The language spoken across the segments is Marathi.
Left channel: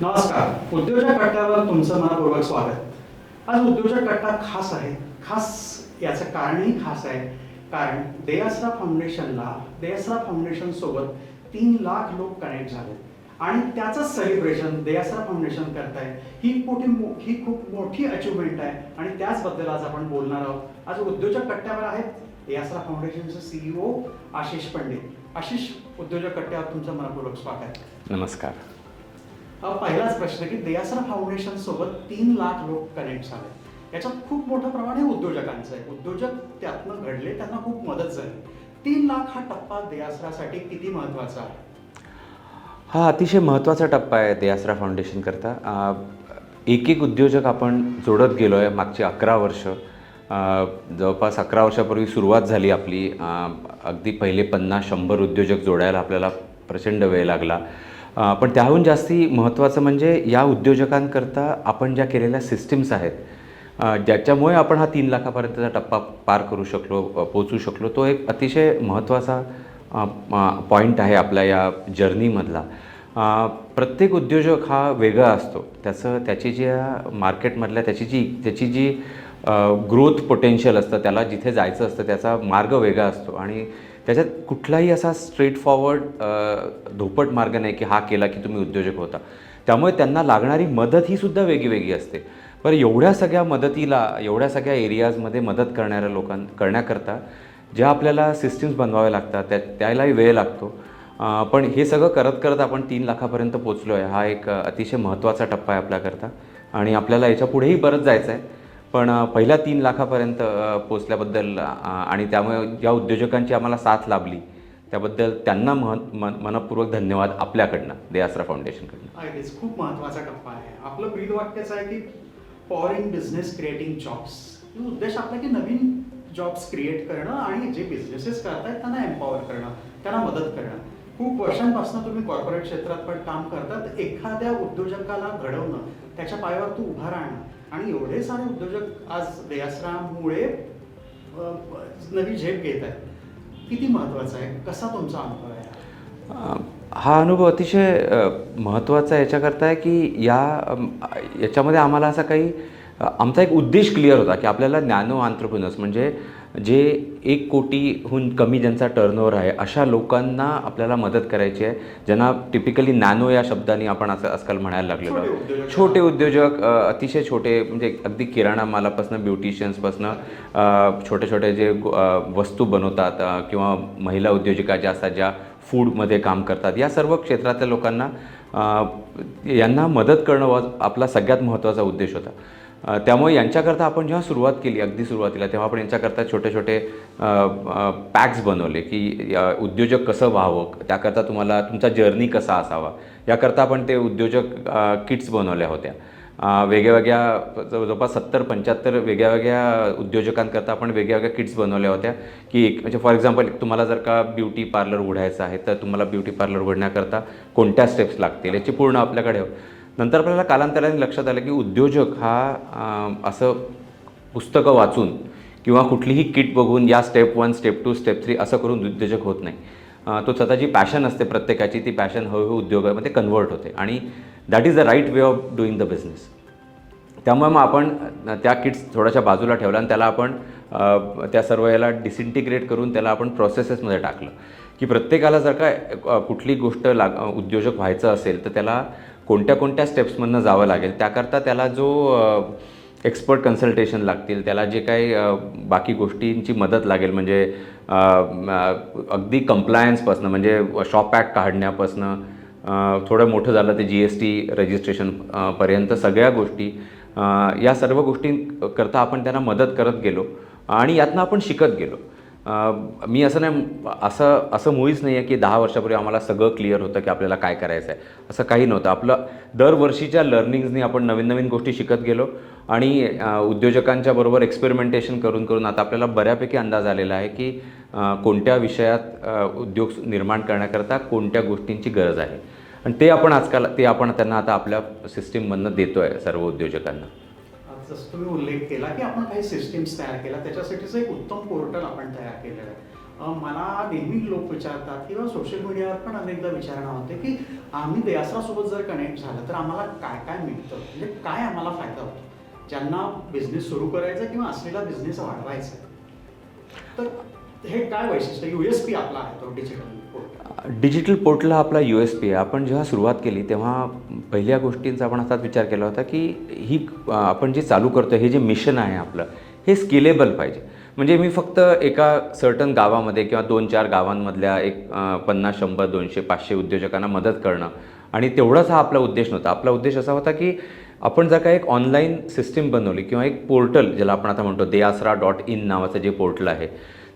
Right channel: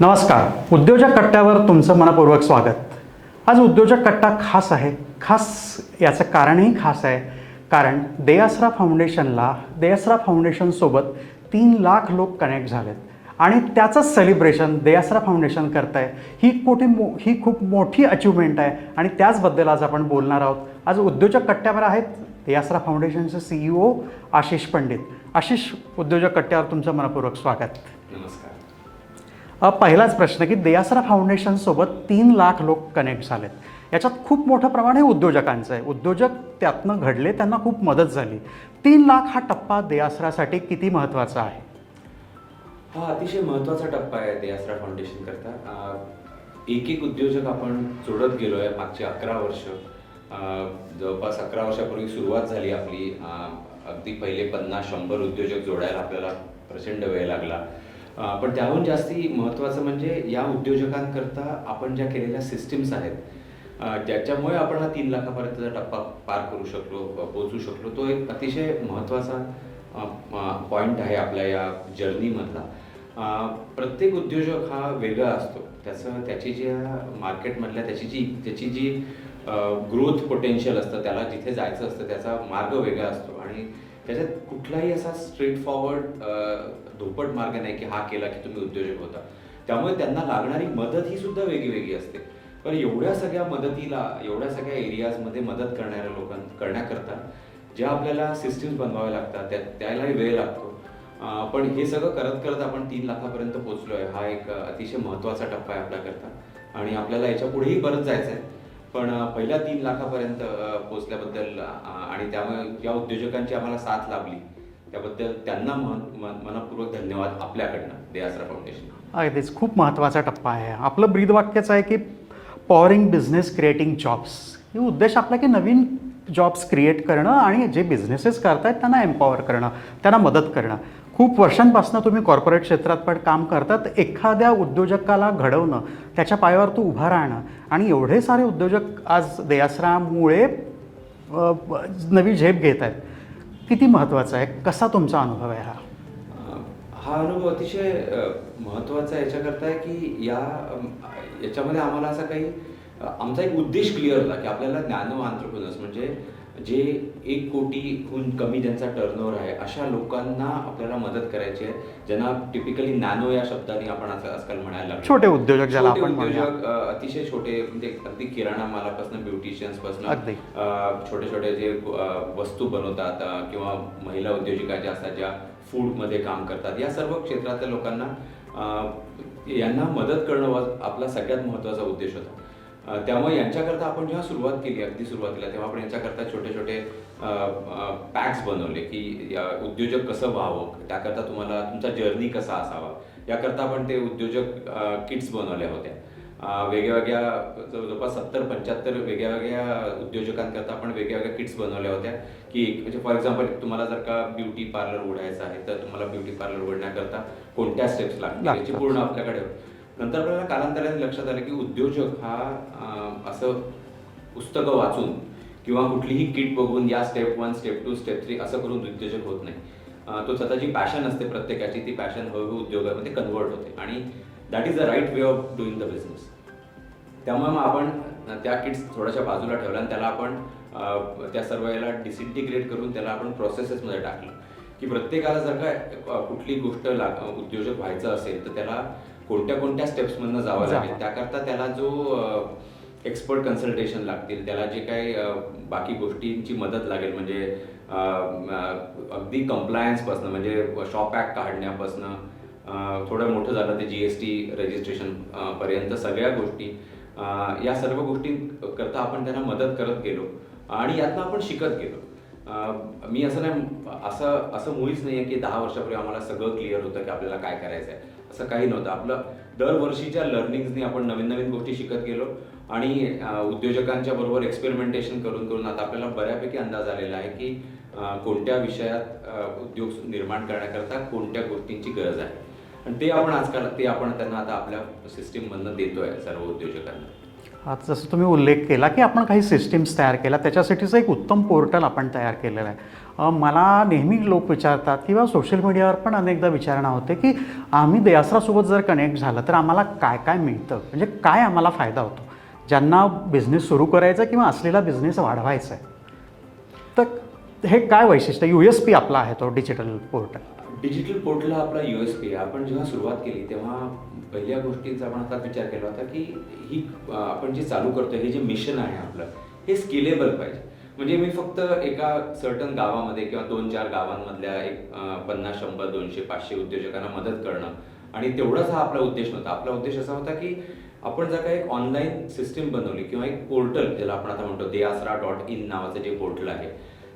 नमस्कार. उद्योजक कट्ट्यावर तुमचं मनपूर्वक स्वागत. आज उद्योजक कट्टा खास आहे. खास याचं कारणही खास आहे, कारण देआसरा फाउंडेशनसोबत 3 लाख लोक कनेक्ट झालेत आणि त्याचं सेलिब्रेशन देआसरा फाउंडेशन करत आहे. ही खूप मोठी अचिव्हमेंट आहे आणि त्याचबद्दल आज आपण बोलणार आहोत. आज उद्योजक कट्ट्यावर आहेत देआसरा फाउंडेशनचे CEO आशिष पंडित. आशिष, उद्योजक कट्ट्यावर तुमचं मनपूर्वक स्वागत. नमस्कार. पहिलाच प्रश्न की देआसरा फाउंडेशनसोबत 3 लाख लोक कनेक्ट झालेत. याच्यात खूप मोठं प्रमाण हे उद्योजकांचं आहे. उद्योजक त्यातनं घडले, त्यांना खूप मदत झाली. 3 लाख हा टप्पा देआसरासाठी किती महत्त्वाचा आहे? हा अतिशय महत्त्वाचा टप्पा आहे देआसरा फाउंडेशन करता. एक उद्योजक आपण जोडत गेलो आहे मागची 11 वर्ष. जवळपास 11 वर्षापूर्वी सुरुवात झाली आपली. अगदी पहिले 50-100 उद्योजक जोडायला आपल्याला प्रचंड वेळ लागला. पण त्याहून जास्ती महत्त्वाचं म्हणजे या उद्योजकांकरता आपण ज्या केलेल्या सिस्टीम्स आहेत, ज्याच्यामुळे आपण हा 3 लाखापर्यंतचा टप्पा पार करू शकलो, पोचू शकलो, तो एक अतिशय महत्त्वाचा पॉईंट आहे आपल्या या जर्नीमधला. प्रत्येक उद्योजक हा वेगळा असतो. त्याची ज्या मार्केटमधल्या त्याची जी ग्रोथ पोटेन्शियल असतं, त्याला जिथे जायचं असतं त्याचा मार्ग वेगळा असतो आणि त्याच्यात कुठलाही असा स्ट्रेट फॉरवर्ड धोपट मार्ग नाही की हा केला की तुम्ही उद्योजक होता. त्यामुळे त्यांना लागणारी मदत ही सुद्धा वेगळी असते. पण एवढ्या सगळ्या मदतीला, एवढ्या सगळ्या एरियाजमध्ये मदत करणाऱ्या करण्याकरता ज्या आपल्याला सिस्टीम्स बनवाव्या लागतात त्यालाही वेळ लागतो. पण हे सगळं करत करत आपण 3 लाखापर्यंत पोचलो आहे. हा एक अतिशय महत्त्वाचा टप्पा आहे आपल्याकरता आणि आपल्याला याच्या पुढेही बरंच जायचं आहे. पण पहिल्या 3 लाखापर्यंत पोचल्याबद्दल आणि त्यामुळे ज्या उद्योजकांची आम्हाला साथ लाभली त्याबद्दल त्यांना मनपूर्वक धन्यवाद आपल्याकडनं, देआसरा फाउंडेशनकडून. अगदीच खूप महत्त्वाचा टप्पा आहे. आपलं ब्रीदवाक्यच आहे की पॉवरिंग बिझनेस, क्रिएटिंग जॉब्स. हे उद्देश आपला की नवीन जॉब्स क्रिएट करणं आणि जे बिझनेसेस करतायत त्यांना एम्पॉवर करणं, त्यांना मदत करणं. खूप वर्षांपासून तुम्ही कॉर्पोरेट क्षेत्रात पण काम करतात. एखाद्या उद्योजकाला घडवणं, त्याच्या पायावर तो उभा राहणं आणि एवढे सारे उद्योजक आज देआसरामुळे नवी झेप घेत आहेत. किती महत्त्वाचं आहे? कसा तुमचा अनुभव आहे हा? हा अनुभव अतिशय महत्त्वाचा याच्याकरता आहे की याच्यामध्ये आम्हाला असा काही आमचा एक उद्देश क्लिअर होता की आपल्याला नॅनो आंत्रप्रेन्योर्स म्हणजे जे 1 कोटीहून कमी ज्यांचा टर्नओव्हर आहे अशा लोकांना आपल्याला मदत करायची आहे, ज्यांना टिपिकली नॅनो या शब्दाने आपण असं आजकाल म्हणायला लागलो. छोटे उद्योजक, अतिशय छोटे, म्हणजे अगदी किराणा मालापासून, ब्युटिशियन्सपासून छोटे जे वस्तू बनवतात किंवा महिला उद्योजिका ज्या असतात, ज्या फूडमध्ये काम करतात, या सर्व क्षेत्रातल्या लोकांना यांना मदत करणं आपला सगळ्यात महत्त्वाचा उद्देश होता. त्यामुळे यांच्याकरता आपण जेव्हा सुरुवात केली, अगदी सुरुवातीला, तेव्हा आपण यांच्याकरता छोटे पॅक्स बनवले की उद्योजक कसं व्हावं, त्याकरता तुम्हाला तुमचा जर्नी कसा असावा, याकरता आपण ते उद्योजक किट्स बनवल्या होत्या. वेगळ्या जवळपास 70-75 वेगळ्या उद्योजकांकरता आपण वेगळ्या किट्स बनवल्या होत्या की म्हणजे फॉर एक्झाम्पल तुम्हाला जर का ब्युटी पार्लर उघडायचं आहे तर तुम्हाला ब्युटी पार्लर उघडण्याकरता कोणत्या स्टेप्स लागतील याची पूर्ण आपल्याकडे. नंतर आपल्याला कालांतराने लक्षात आलं की उद्योजक हा असं पुस्तकं वाचून किंवा कुठलीही किट बघून या स्टेप 1, स्टेप 2, स्टेप 3 असं करून उद्योजक होत नाही. तो स्वतःची पॅशन असते प्रत्येकाची, ती पॅशन हळूहळू उद्योगामध्ये कन्वर्ट होते आणि that is the right way of doing the business. त्यामुळे मग आपण त्या किट्स थोड्याशा बाजूला ठेवल्या आणि त्याला आपण त्या सर्व याला डिसइंटिग्रेट करून त्याला आपण प्रोसेसेसमध्ये टाकलं की प्रत्येकाला जर का कुठली गोष्ट उद्योजक व्हायचं असेल तर त्याला कोणत्या स्टेप्समधनं जावं लागेल. त्याकरता त्याला जो एक्सपर्ट कन्सल्टेशन लागतील, त्याला जे काही बाकी गोष्टींची मदत लागेल, म्हणजे अगदी कंप्लायन्सपासनं, म्हणजे शॉप ॲक्ट काढण्यापासनं थोडं मोठं झालं ते GST रजिस्ट्रेशनपर्यंत सगळ्या गोष्टी, या सर्व गोष्टींकरता आपण त्यांना मदत करत गेलो आणि यातनं आपण शिकत गेलो. मी असं मुळीच नाही आहे की 10 वर्षापूर्वी आम्हाला सगळं क्लिअर होतं की आपल्याला काय करायचं आहे, असं काही नव्हतं. आपलं दरवर्षीच्या लर्निंग्सनी आपण नवीन गोष्टी शिकत गेलो आणि उद्योजकांच्या बरोबर एक्सपेरिमेंटेशन करून आता आपल्याला बऱ्यापैकी अंदाज आलेला आहे की कोणत्या विषयात उद्योग निर्माण करण्याकरता कोणत्या गोष्टींची गरज आहे आणि ते आपण त्यांना आता आपल्या सिस्टीममधनं देतो आहे सर्व उद्योजकांना. आज जसं तुम्ही उल्लेख केला की आपण काही सिस्टीम्स तयार केल्या, त्याच्यासाठीचं एक उत्तम पोर्टल आपण तयार केलेलं आहे. मला नेहमी लोक विचारतात किंवा सोशल मीडियावर पण अनेकदा विचारणा होते की आम्ही दयासरासोबत जर कनेक्ट झालं तर आम्हाला काय काय मिळतं, म्हणजे काय आम्हाला फायदा होतो ज्यांना बिझनेस सुरू करायचा किंवा असलेला बिझनेस वाढवायचा आहे. तर हे काय वैशिष्ट्य USP आपला आहे तो डिजिटल पोर्टल? डिजिटल पोर्टल हा आपला USP आहे. आपण जेव्हा सुरुवात केली तेव्हा पहिल्या गोष्टींचा आपण असाच विचार केला होता की ही आपण जे चालू करतो हे जे मिशन आहे आपलं हे स्केलेबल पाहिजे. म्हणजे मी फक्त एका सर्टन गावामध्ये किंवा 2-4 गावांमधल्या एक 50, 100, 200, 500 उद्योजकांना मदत करणं आणि तेवढाच हा आपला उद्देश नव्हता. आपला उद्देश असा होता की आपण जर का एक ऑनलाईन सिस्टीम बनवली किंवा एक पोर्टल ज्याला आपण आता म्हणतो deyasra.in नावाचं जे पोर्टल आहे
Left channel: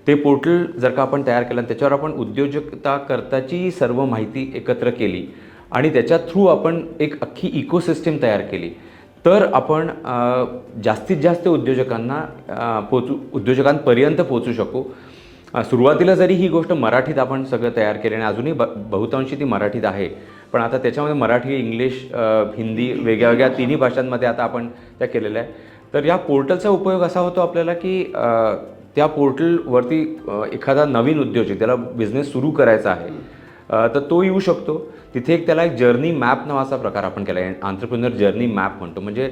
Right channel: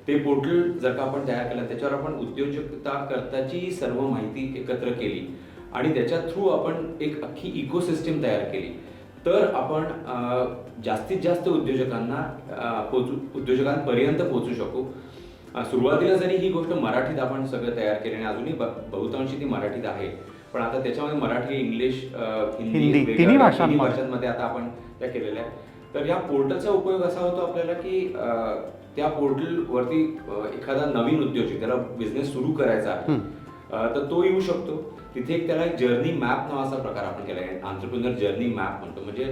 ते पोर्टल जर का आपण तयार केलं त्याच्यावर आपण उद्योजकता करताची सर्व माहिती एकत्र केली आणि त्याच्या थ्रू आपण एक अख्खी इकोसिस्टीम तयार केली तर आपण जास्तीत जास्त उद्योजकांपर्यंत पोहोचू शकू. सुरुवातीला जरी ही गोष्ट मराठीत आपण सगळं तयार केली आणि अजूनही बहुतांशी ती मराठीत आहे, पण आता त्याच्यामध्ये मराठी, इंग्लिश, हिंदी वेगळ्या तिन्ही भाषांमध्ये आता आपण त्या केलेल्या आहे. तर या पोर्टलचा उपयोग असा होतो आपल्याला की त्या पोर्टलवरती एखादा नवीन उद्योजक त्याला बिझनेस सुरू करायचा आहे तर तो येऊ शकतो. तिथे एक त्याला एक जर्नी मॅप नावाचा प्रकार आपण केला आहे, एंटरप्रेन्योर जर्नी मॅप म्हणतो. म्हणजे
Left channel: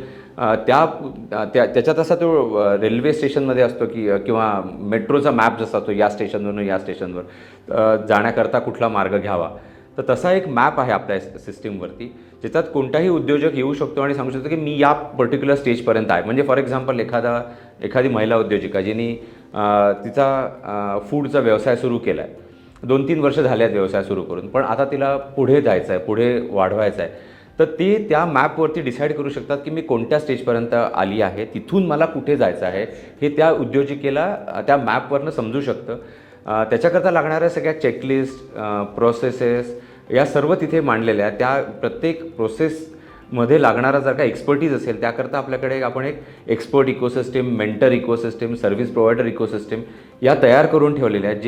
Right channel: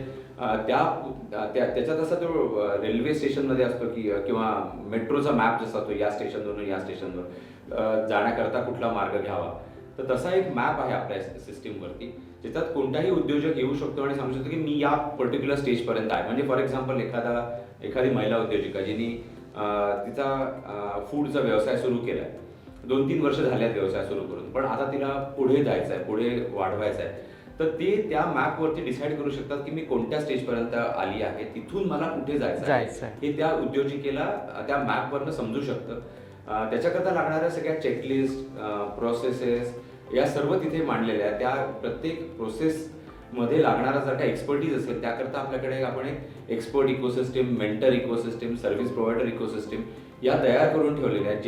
त्याच्यात असा तो रेल्वे स्टेशनमध्ये असतो की किंवा मेट्रोचा मॅप जसा असतो या स्टेशनवरून या स्टेशनवर जाण्याकरता कुठला मार्ग घ्यावा, तर तसा एक मॅप आहे आपल्या सिस्टीमवरती ज्याच्यात कोणताही उद्योजक येऊ शकतो आणि सांगू शकतो की मी या पर्टिक्युलर स्टेजपर्यंत आहे. म्हणजे फॉर एक्झाम्पल एखादी महिला उद्योजिका जिने तिचा फूडचा व्यवसाय सुरू केला आहे, 2-3 वर्ष झाले आहेत व्यवसाय सुरू करून, पण आता तिला पुढे जायचं आहे, पुढे वाढवायचं आहे, तर ते त्या मॅपवरती डिसाईड करू शकतात की मी कोणत्या स्टेजपर्यंत आली आहे, तिथून मला कुठे जायचं आहे हे त्या उद्योजिकेला त्या मॅपवरनं समजू शकतं. त्याच्याकरता लागणाऱ्या सगळ्या चेकलिस्ट, प्रोसेसेस या सर्व तिथे मांडलेल्या आहेत. त्या प्रत्येक प्रोसेसमध्ये लागणारा जर का एक्सपर्टीज असेल त्याकरता आपल्याकडे आपण एक expert ecosystem, mentor ecosystem, service provider ecosystem या तयार करून ठेवलेल्या आहेत.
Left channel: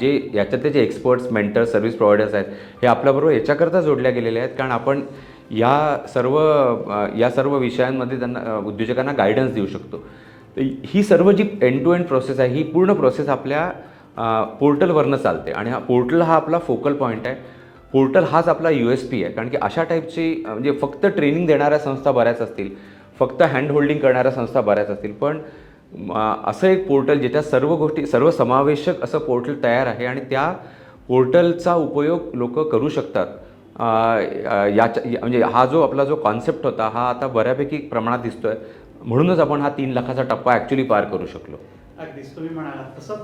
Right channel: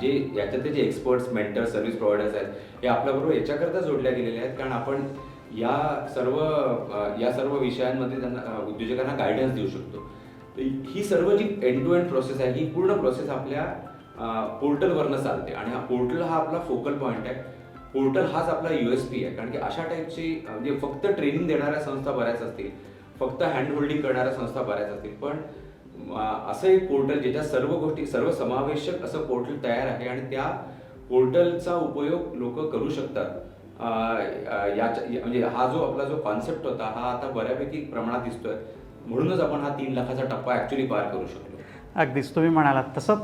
जे याच्यातले जे एक्सपर्ट्स, मेंटर, सर्व्हिस प्रोव्हायडर्स आहेत हे आपल्याबरोबर याच्याकरता जोडल्या गेलेले आहेत कारण आपण या सर्व विषयांमध्ये त्यांना उद्योजकांना गायडन्स देऊ शकतो. तर ही सर्व जी एंड टू एंड प्रोसेस आहे ही पूर्ण प्रोसेस आपल्या पोर्टलवरनं चालते आणि हा पोर्टल हा आपला फोकल पॉईंट आहे. पोर्टल हाच आपला USP आहे कारण की अशा टाईपची म्हणजे फक्त ट्रेनिंग देणाऱ्या संस्था बऱ्याच असतील, फक्त हँड होल्डिंग करणाऱ्या संस्था बऱ्याच असतील, पण असं एक पोर्टल ज्याच्यात सर्व गोष्टी सर्वसमावेशक असं पोर्टल तयार आहे आणि त्या पोर्टलचा उपयोग लोक करू शकतात. म्हणजे हा जो आपला जो कॉन्सेप्ट होता हा आता बऱ्यापैकी प्रमाणात दिसतोय, म्हणूनच आपण हा 3 लाखाचा टप्पा ॲक्च्युली पार करू शकलो. अगदीच तुम्ही म्हणालात तसं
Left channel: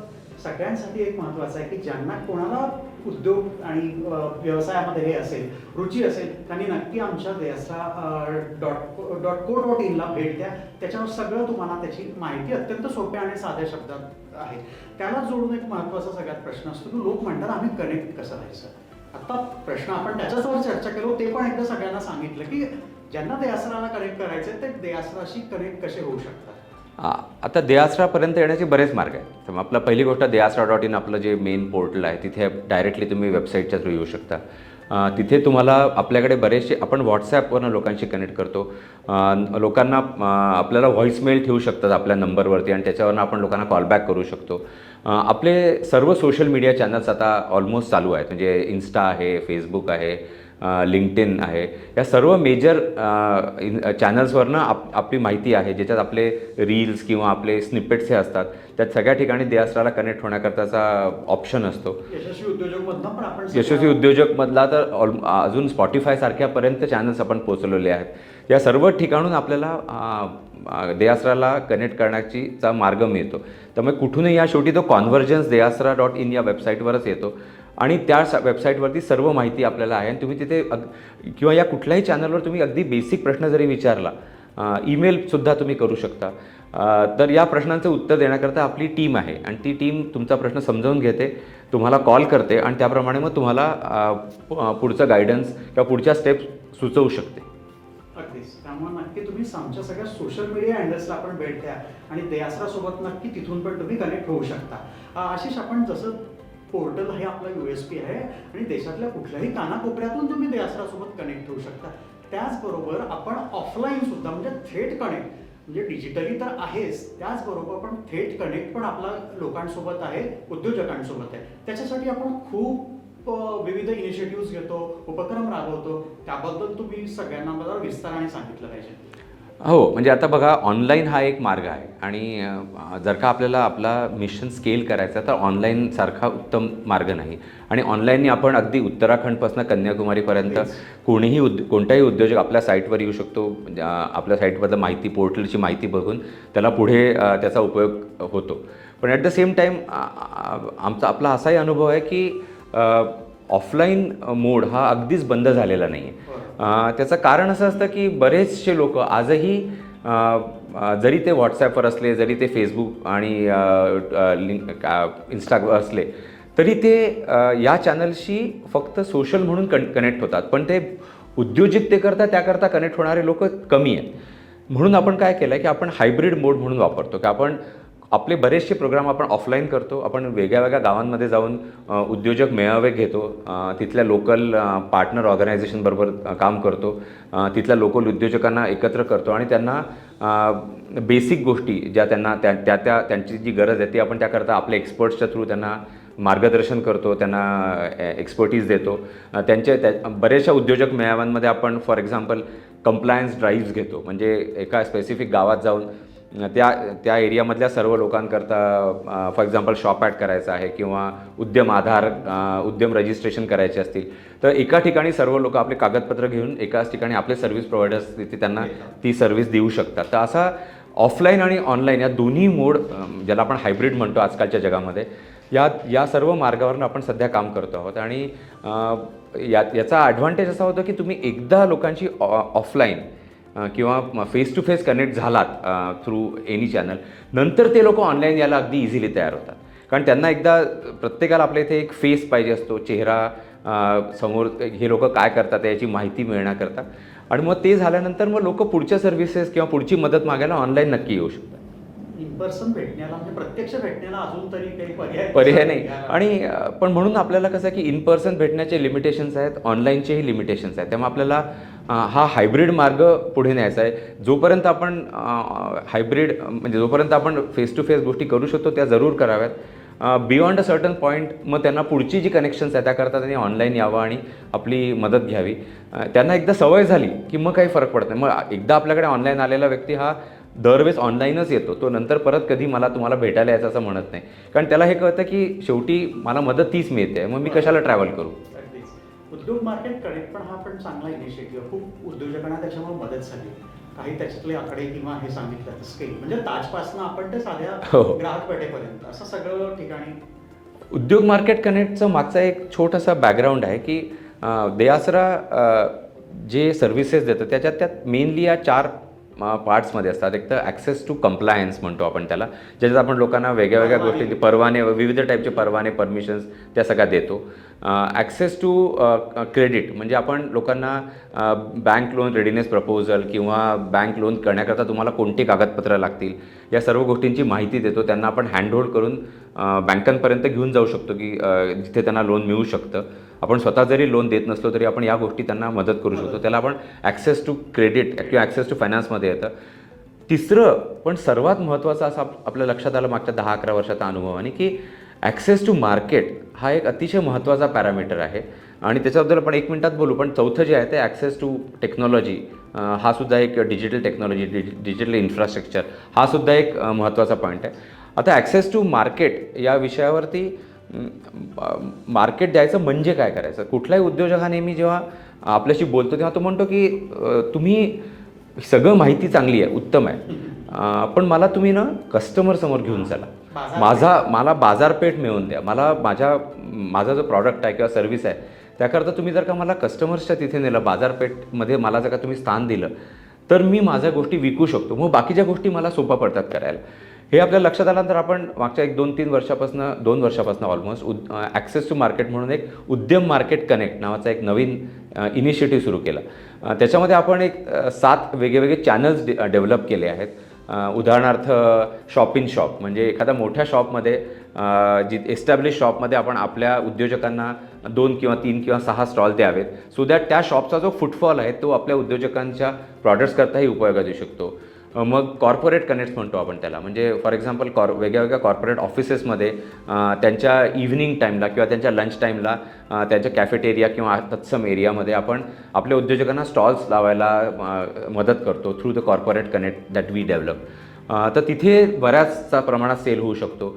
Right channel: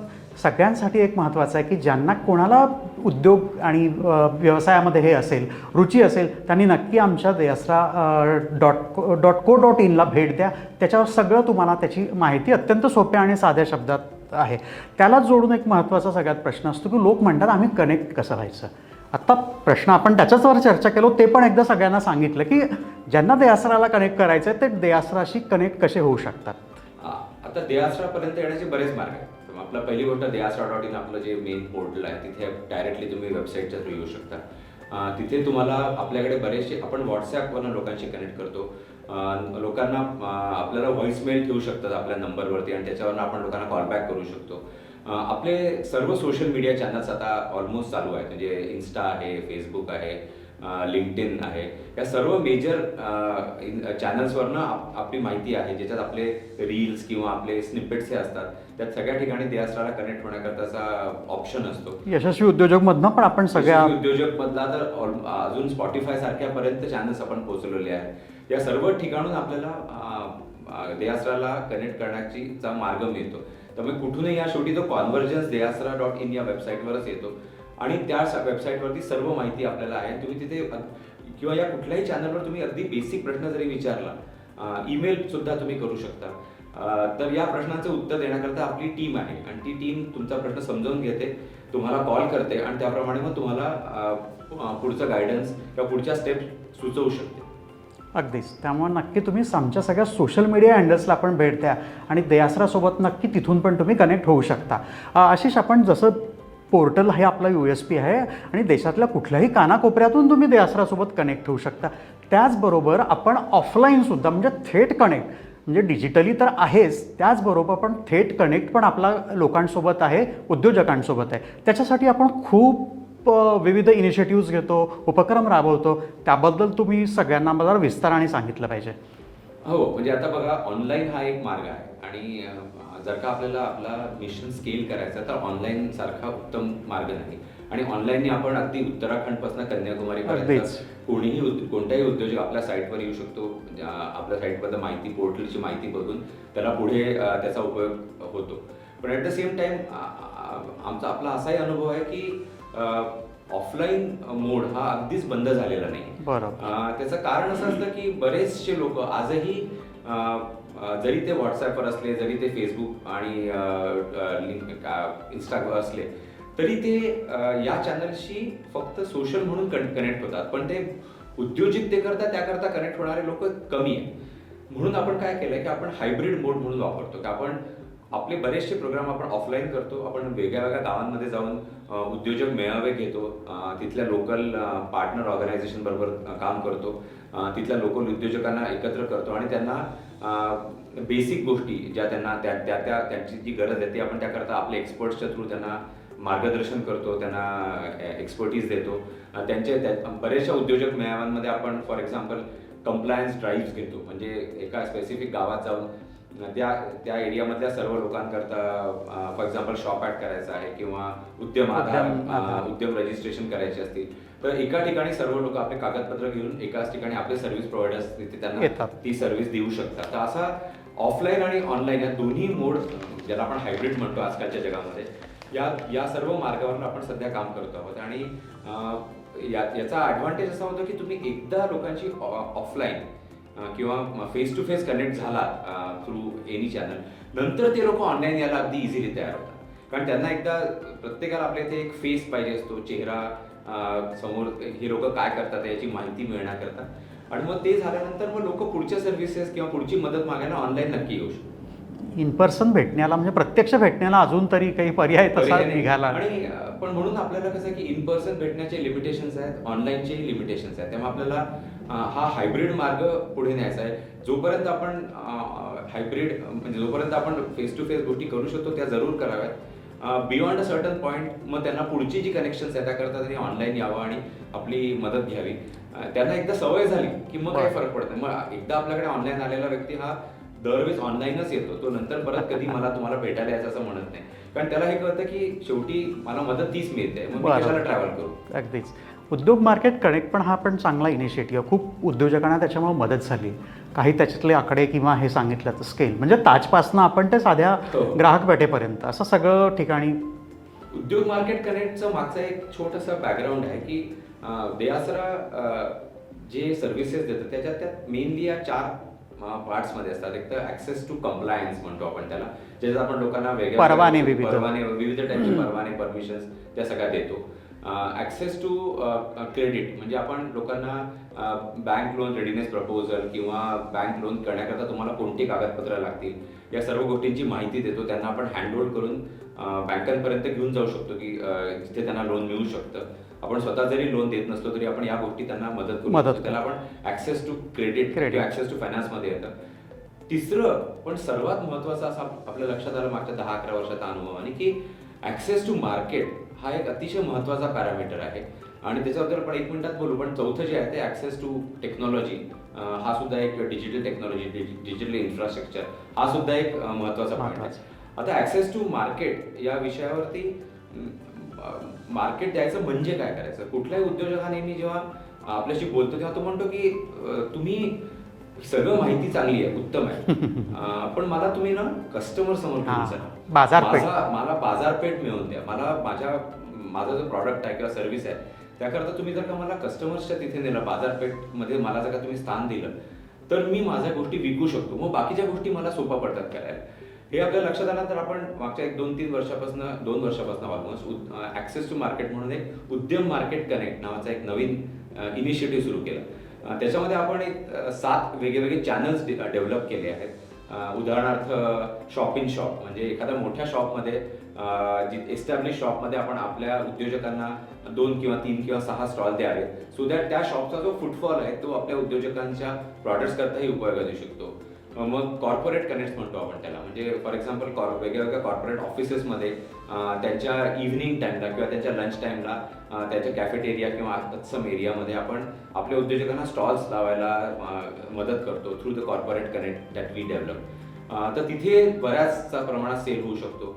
सगळ्यांसाठी एक महत्त्वाचं आहे की ज्यांना कोणाला उद्योग आणि व्यवसायामध्ये हे असेल, रुची असेल, त्यांनी नक्की आमच्या deyasra.co.in ला भेट द्या. त्याच्यावर सगळं तुम्हाला त्याची माहिती अत्यंत सोप्या आणि साध्या शब्दात आहे. त्याला जोडून एक महत्त्वाचा सगळ्यात प्रश्न असतो की लोक म्हणतात आम्ही कनेक्ट कसं व्हायचं. आत्ता प्रश्न आपण त्याच्याचवर चर्चा केलो, ते पण एकदा सगळ्यांना सांगितलं की ज्यांना दयासराला कनेक्ट करायचं आहे ते दयासराशी कनेक्ट कसे होऊ शकतात. आता दयासरापर्यंत येण्याचे बरेच मार्ग आहेत. आपला पहिली गोष्ट deyasra.in आपलं जे मेन पोर्टल आहे तिथे डायरेक्टली तुम्ही वेबसाईटच्या थ्रू येऊ शकता. तिथे तुम्हाला आपल्याकडे बरेचसे आपण व्हॉट्सॲपवरनं लोकांशी कनेक्ट करतो. लोकांना आपल्याला व्हॉईसमेल ठेवू शकतात आपल्या नंबरवरती आणि त्याच्यावरनं आपण लोकांना कॉलबॅक करू शकतो. आपले सर्व सोशल मीडिया चॅनल्स आता ऑलमोस्ट चालू आहेत. म्हणजे इन्स्टा आहे, फेसबुक आहे, लिंक्डइन आहे, या सर्व मेजर चॅनल्सवरनं आपली माहिती आहे ज्याच्यात आपले रील्स किंवा आपले स्निपेट्स हे असतात. त्यात सगळ्या ठिकाणी दयासराला कनेक्ट होण्याकरताचा ऑप्शन असतो. यशस्वी उद्योजकमधनं पण आपण यशस्वी उद्योजकमधला तर अजून स्पॉटिफाय सारख्यापर्यंत चॅनल्स आपण पोहोचवलेले आहेत. या सर्व ठिकाणून आपल्याला दयासराला कनेक्ट करण्याचा मार्ग मिळतो. त्यामुळे कुठूनही या शेवटी तो कॉन्व्हर्जन्स deyasra.in या वेबसाईटवरच येतो आणि त्या वेबसाईटवरती सर्व माहिती आपल्याला आहे आणि तुम्ही तिथे किंवा या कुठल्याही चॅनलवर तुम्ही अगदी बेसिक प्रश्न जरी विचारला, ईमेलसुद्धा तुम्ही करू शकता. तर या प्रश्नांचं उत्तर देण्याकरता आपली टीम आहे आणि ती टीम तुमचा प्रश्न समजावून घेते, तुम्हाला कॉल करते आणि त्याप्रमाणे मग तुम्हाला पुढचं गायडन्स किंवा पुढच्या स्टेप्स सुचवू शकते. अगदीच. त्यामुळे नक्की तुम्ही आमच्या सगळ्या सोशल मीडिया हँडल्सला पण भेट द्या आणि दयासरासोबत नक्की तिथून पण तुम्ही कनेक्ट होऊ शकता. आशिष, आपण जसं पोर्टल हे आपला USP आहे आणि देशातल्या कुठल्याही कानाकोपऱ्यातून तुम्ही दयासरासोबत कनेक्ट होऊ शकता, त्याचबरोबर आपण ऑफलाईनसुद्धा म्हणजे थेट कनेक्ट म्हणजे डिजिटली तर आहेच, त्याचबरोबर पण थेट कनेक्ट पण आपला लोकांसोबत आहे, उद्योजकांसोबत आहे. त्याच्यासाठी आपण खूप विविध इनिशिएटिव्ज घेतो, उपक्रम राबवतो. त्याबद्दल तुम्ही सगळ्यांना मला विस्ताराने सांगितलं पाहिजे. हो, म्हणजे आता बघा ऑनलाईन हा एक मार्ग आहे आणि जर का आपल्याला आपला मिशन स्केल करायचा तर ऑनलाईन सारखा उत्तम मार्ग नाही. आणि ऑनलाईनने आपण अगदी उत्तराखंडपासून कन्याकुमारीपर्यंत अगदीच. कोणताही उद्योजक आपल्या साईटवर येऊ शकतो. आपल्या साईटमधलं माहिती, पोर्टलची माहिती बघून त्याला पुढे त्याचा उपयोग होतो. पण ॲट द सेम टाईम आपला असाही अनुभव आहे की ऑफलाईन मोड हा अगदीच बंद झालेला नाही आहे. बरोबर. त्याचं कारण असं असतं की बरेचसे लोक आजही जरी ते व्हॉट्सॲपवर असले, जरी ते फेसबुक आणि इंस्टावर असले, तरी ते या चॅनलशी फक्त सोशल म्हणून कनेक्ट होतात. पण ते उद्योजकतेकरता त्याकरता कनेक्ट होणारे लोक कमी आहेत. म्हणून आपण काय केलं आहे की आपण हायब्रिड मोड म्हणून वापरतो की आपण आपले बरेचसे प्रोग्राम आपण ऑफलाईन करतो. आपण वेगळ्या वेगळ्या गावांमध्ये जाऊन उद्योजक मेळावे घेतो, तिथल्या लोकल पार्टनर ऑर्गनायझेशनबरोबर काम करतो, तिथल्या लोकल उद्योजकांना एकत्र करतो आणि त्यांना बेसिक गोष्टी ज्या त्यांना त्यांची जी गरज आहे ती आपण त्याकरता आपल्या एक्सपर्ट्सच्या थ्रू त्यांना मार्गदर्शन करतो, त्यांना एक्सपर्टीज देतो. बऱ्याचशा उद्योजक मेळाव्यांमध्ये आपण फॉर एक्झाम्पल कंप्लायन्स ड्राईव्स घेतो. म्हणजे एका स्पेसिफिक गावात जाऊन त्या एरियामधल्या सर्व लोकांकरता फॉर एक्झाम्पल शॉप ॲड करायचा आहे किंवा उद्यम रजिस्ट्रेशन करायचे असतील तर एका ठिकाणी सर्व लोक आपले कागदपत्र घेऊन एकाच ठिकाणी आपले सर्व्हिस प्रोव्हायडर्स तिथे त्यांना ती सर्व्हिस देऊ शकतात. तर असा ऑफलाईन आणि ऑनलाईन या दोन्ही मोड, ज्याला आपण हायब्रिड म्हणतो आजकालच्या जगामध्ये, या सर्व मार्गावरून आपण सध्या काम करतो आहोत. आणि याचा ॲडव्हान्टेज असा होता की तुम्ही एकदा लोकांची ऑफलाईन किंवा फेस टू फेस कनेक्ट झालात थ्रू एनी चॅनल, नंतर ते लोक ऑनलाईन यायला अगदी इझिली तयार होतात. कारण त्यांना एकदा प्रत्येकाला आपल्या इथे एक फेस पाहिजे असतो, चेहरा समोर, हे लोक काय करतात याची माहिती मिळण्याकरता. आणि मग ते झाल्यानंतर मग लोक पुढच्या सर्व्हिसेस किंवा पुढची मदत मागायला ऑनलाईन नक्की येऊ शकतात. इन पर्सन भेटण्याला, म्हणजे प्रत्यक्ष भेटण्याला अजून तरी काही पर्याय नाही. निघाला. आणि पण म्हणून आपल्याला कसं आहे की इन पर्सन भेटण्याचे लिमिटेशन्स आहेत, ऑनलाईनचेही लिमिटेशन्स आहेत. त्यामुळे आपल्याला हा हायब्रिड मार्ग पुढे न्यायचा आहे. जोपर्यंत आपण हायब्रिड म्हणजे जोपर्यंत आपण फेस टू फेस गोष्टी करू शकतो त्या जरूर कराव्यात. बियॉन्ड अ सर्टन पॉईंट मग त्यांना पुढची जी कनेक्शन्स आहेत त्याकरता त्यांनी ऑनलाईन यावं आणि आपली मदत घ्यावी. त्यांना एकदा सवय झाली की मग काही फरक पडत नाही. मग एकदा आपल्याकडे ऑनलाईन आलेला व्यक्ती हा दरवेळेस ऑनलाईनच येतो, तो नंतर परत कधी तुम्हाला भेटायला यायचं असं म्हणत नाही. कारण त्याला हे कळतं की शेवटी मला मदत तीच मिळते, मग मी कशाला ट्रॅव्हल करू. अगदीच. उद्योग मार्केट कनेक्ट पण हा पण चांगला इनिशिएटिव्ह, खूप उद्योजकांना त्याच्यामुळे मदत झाली. काही त्याच्यातले आकडे किंवा हे सांगितलं तर स्केल, म्हणजे ताजपासनं आपण ते साध्या ग्राहक पेठेपर्यंत असं सगळं ठिकाणी. उद्योग मार्केट कनेक्टचं मागचा एक छोटासा बॅकग्राऊंड आहे की देआसरा जे सर्व्हिसेस देतं त्यात मेनली या 4 पार्ट्समध्ये असतात. एक तर ॲक्सेस टू कंप्लायन्स म्हणतो आपण त्याला, ज्याच्यात आपण लोकांना वेगवेगळ्या परवाने, विविध टाईपचे परवाने, परमिशन्स त्या सगळ्या देतो. ॲक्सेस टू क्रेडिट म्हणजे आपण लोकांना बँक लोन रेडिनेस प्रपोजल किंवा बँक लोन करण्याकरता तुम्हाला कोणती कागदपत्रं लागतील या सर्व गोष्टींची माहिती देतो. त्यांना आपण हँडहोल्ड करून बँकांपर्यंत घेऊन जाऊ शकतो की जिथे त्यांना लोन मिळू शकतं. आपण स्वतः जरी लोन देत नसलो तरी आपण या गोष्टी त्यांना मदत करू शकतो. त्याला आपण ॲक्सेस टू क्रेडिट किंवा ॲक्सेस टू फायनान्समध्ये येतं. तिसरं पण सर्वात महत्त्वाचं असं आपल्या लक्षात आलं मागच्या 10-11 वर्षाचा अनुभवाने की ॲक्सेस टू मार्केट हा एक अतिशय महत्त्वाचा पॅरामीटर आहे. आणि त्याच्याबद्दल आपण 1 मिनिटात बोलू. पण चौथं जे आहे ते ॲक्सेस टू टेक्नॉलॉजी, हा सुद्धा एक डिजिटल टेक्नॉलॉजी, डिजिटल इन्फ्रास्ट्रक्चर हा सुद्धा एक महत्त्वाचा पॉईंट आहे. आता ॲक्सेस टू मार्केट या विषयावरती मार्केट द्यायचं म्हणजे काय करायचं. कुठलाही उद्योजक हा नेहमी जेव्हा आपल्याशी बोलतो तेव्हा तो म्हणतो की तुम्ही सगळं माहिती चांगली आहे, उत्तम आहे, पण मला तुम्ही ना कस्टमर समोर घेऊन चला, मला बाजारपेठ मिळवून द्या, मला माझा जो प्रॉडक्ट आहे किंवा सर्व्हिस आहे त्याकरता तुम्ही जर का मला कस्टमर्सच्या तिथे नेलं, बाजारपेठमध्ये मला जर का तुम्ही स्थान दिलं तर मी माझ्या गोष्टी विकू शकतो. मग बाकीच्या गोष्टी मला सोपं पडतात करायला. हे आपल्याला लक्षात आल्यानंतर आपण मागच्या 2 वर्षापासून ऑलमोस्ट ॲक्सेस टू मार्केट म्हणून एक उद्यम मार्केट कनेक्ट नावाचा एक नवीन इनिशिएटिव्ह सुरू केला. त्याच्यामध्ये आपण एक 7 वेगवेगळे चॅनल्स डेव्हलप केले आहेत. उदाहरणार्थ शॉप इन शॉप म्हणजे एखाद्या मोठ्या शॉपमध्ये, जी एस्टॅब्लिश शॉपमध्ये आपण आपल्या उद्योजकांना 2 किंवा 3 किंवा 6 स्टॉल द्यावेत, सो दॅट त्या शॉपचा जो फुटफॉल आहे तो आपल्या उद्योजकांच्या प्रॉडक्ट्सकरताही उपयोगात येऊ शकतो. मग कॉर्पोरेट कनेक्ट्स म्हणतो आपण त्याला. म्हणजे फॉर एक्झाम्पल वेगळ्या कॉर्पोरेट ऑफिसेसमध्ये त्यांच्या इव्हिनिंग टाईमला किंवा त्यांच्या लंच टाईमला त्यांच्या कॅफेटेरिया किंवा तत्सम एरियामध्ये आपण आपल्या उद्योजकांना स्टॉल्स लावायला मदत करतो through the corporate connect that we develop. तर तिथे बऱ्याच प्रमाणात सेल होऊ शकतो.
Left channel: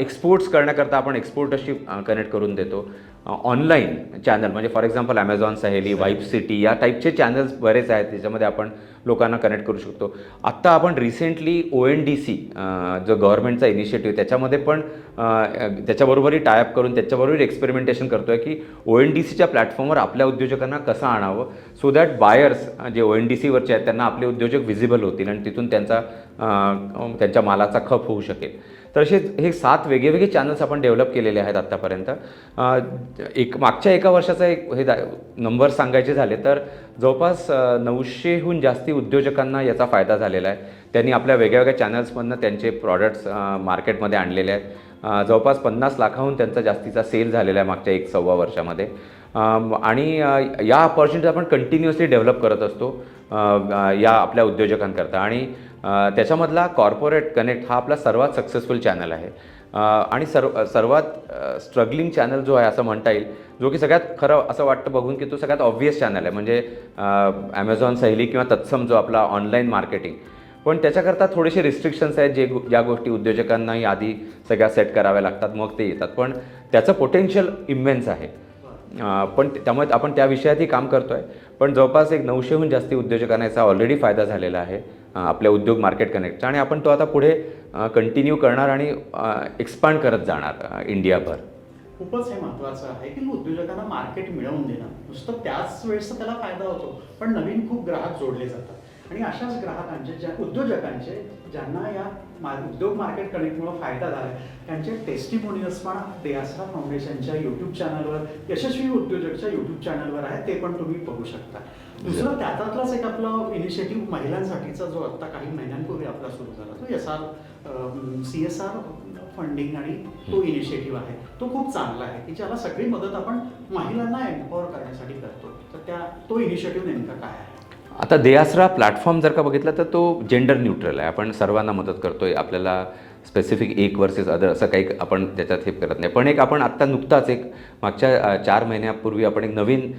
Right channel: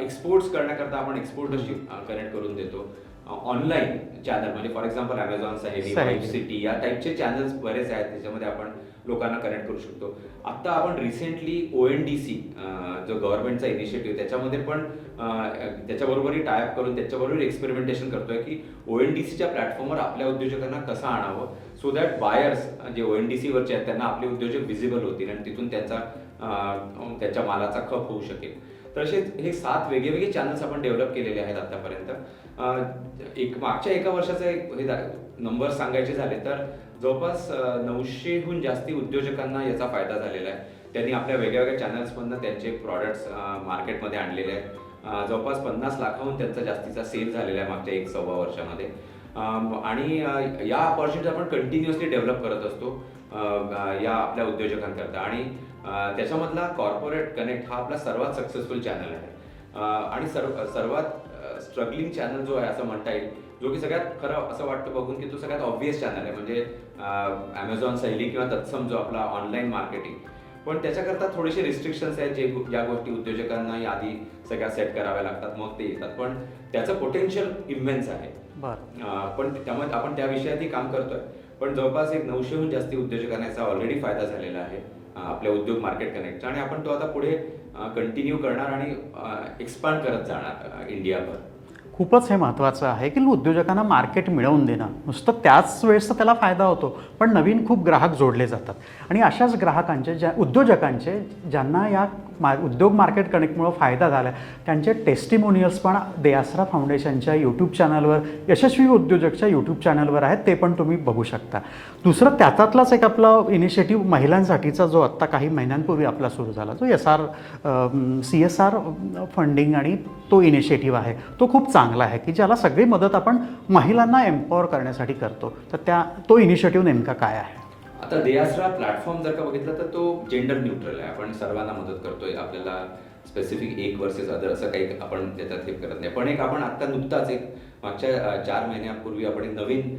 एक्सपोर्ट्स करण्याकरता आपण एक्सपोर्टरशी कनेक्ट करून देतो. ऑनलाईन चॅनल म्हणजे फॉर एक्झाम्पल ॲमेझॉन सहेली, वाईब सिटी या टाईपचे चॅनल्स बरेच आहेत त्याच्यामध्ये आपण लोकांना कनेक्ट करू शकतो. आत्ता आपण रिसेंटली ONDC जो गव्हर्नमेंटचा इनिशिएटिव्ह त्याच्यामध्ये पण त्याच्याबरोबरही टायअप करून त्याच्याबरोबर एक्सपेरिमेंटेशन करतो आहे की ONDCच्या प्लॅटफॉर्मवर आपल्या उद्योजकांना कसं आणावं सो दॅट बायर्स जे ONDCवरचे आहेत त्यांना आपले उद्योजक व्हिजिबल होतील आणि तिथून त्यांच्या मालाचा खप होऊ शकेल. तर असे हे 7 वेगवेगळे चॅनल्स आपण डेव्हलप केलेले आहेत आत्तापर्यंत. मागच्या एका वर्षाचा हे नंबर सांगायचे झाले तर जवळपास 900हून जास्ती उद्योजकांना याचा फायदा झालेला आहे. त्यांनी आपल्या वेगळ्या चॅनल्समधनं त्यांचे प्रॉडक्ट्स मार्केटमध्ये आणलेले आहेत. जवळपास 50 लाखाहून त्यांचा जास्तीचा सेल झालेला आहे मागच्या 1-1.25 वर्षामध्ये. आणि या अपॉर्च्युनिटी आपण कंटिन्युअसली डेव्हलप करत असतो या आपल्या उद्योजकांकरता. आणि त्याच्यामधला कॉर्पोरेट कनेक्ट हा आपला सर्वात सक्सेसफुल चॅनल आहे. आणि सर्वात स्ट्रगलिंग चॅनल जो आहे असं म्हणता येईल, जो की सगळ्यात खरं असं वाटतं बघून की तो सगळ्यात ऑब्व्हियस चॅनल आहे म्हणजे ॲमेझॉन सहेली किंवा तत्सम जो आपला ऑनलाईन मार्केटिंग. पण त्याच्याकरता थोडेसे रिस्ट्रिक्शन्स आहेत ज्या गोष्टी उद्योजकांनाही आधी सगळ्या सेट कराव्या लागतात मग ते येतात. पण त्याचं पोटेन्शियल इम्मेन्स आहे. पण त्यामुळे आपण त्या विषयातही काम करतो आहे. पण जवळपास 900हून जास्ती उद्योजकांना याचा ऑलरेडी फायदा झालेला आहे आपल्या उद्योग मार्केट कनेक्टचा. आणि आपण तो आता पुढे कंटिन्यू करणार आणि एक्सपांड करत जाणार इंडियाभर. खूपच हे महत्त्वाचं आहे की उद्योजकांना मार्केट मिळवून देणं. नुसतं त्याच वेळेस त्याला फायदा होतो पण नवीन खूप ग्राहक जोडले जातात. आणि अशाच ग्राहकांचे उद्योजकांचे ज्यांना या उद्योग मार्केट कनेक्टमुळं फायदा झाला आहे त्यांचे टेस्टिमोनियल्स पण देआसरा फाउंडेशनच्या यूट्यूब चॅनलवर, यशस्वी उद्योजकच्या यूट्यूब चॅनलवर आहेत. ते पण तुम्ही बघू शकता. दुसरं त्यातलाच एक आपला इनिशिएटिव्ह महिलांसाठीचा जो आत्ता काही महिन्यांपूर्वी आपला सुरू झाला जो CSR फंडिंग आणि तो इनिशिएटिव्ह आहे तो खूप चांगला आहे की ज्याला सगळी मदत आपण महिलांना एम्पॉवर करण्यासाठी करतो. तर तो इनिशिएटिव्ह नेमका काय आहे? आता देआसरा प्लॅटफॉर्म जर का बघितला तर तो जेंडर न्यूट्रल आहे. आपण सर्वांना मदत करतोय. आपल्याला स्पेसिफिक एक वर्सेस अदर असं काही आपण त्याच्यात हे करत नाही. पण आपण आत्ता नुकताच मागच्या 4 महिन्यापूर्वी आपण एक नवीन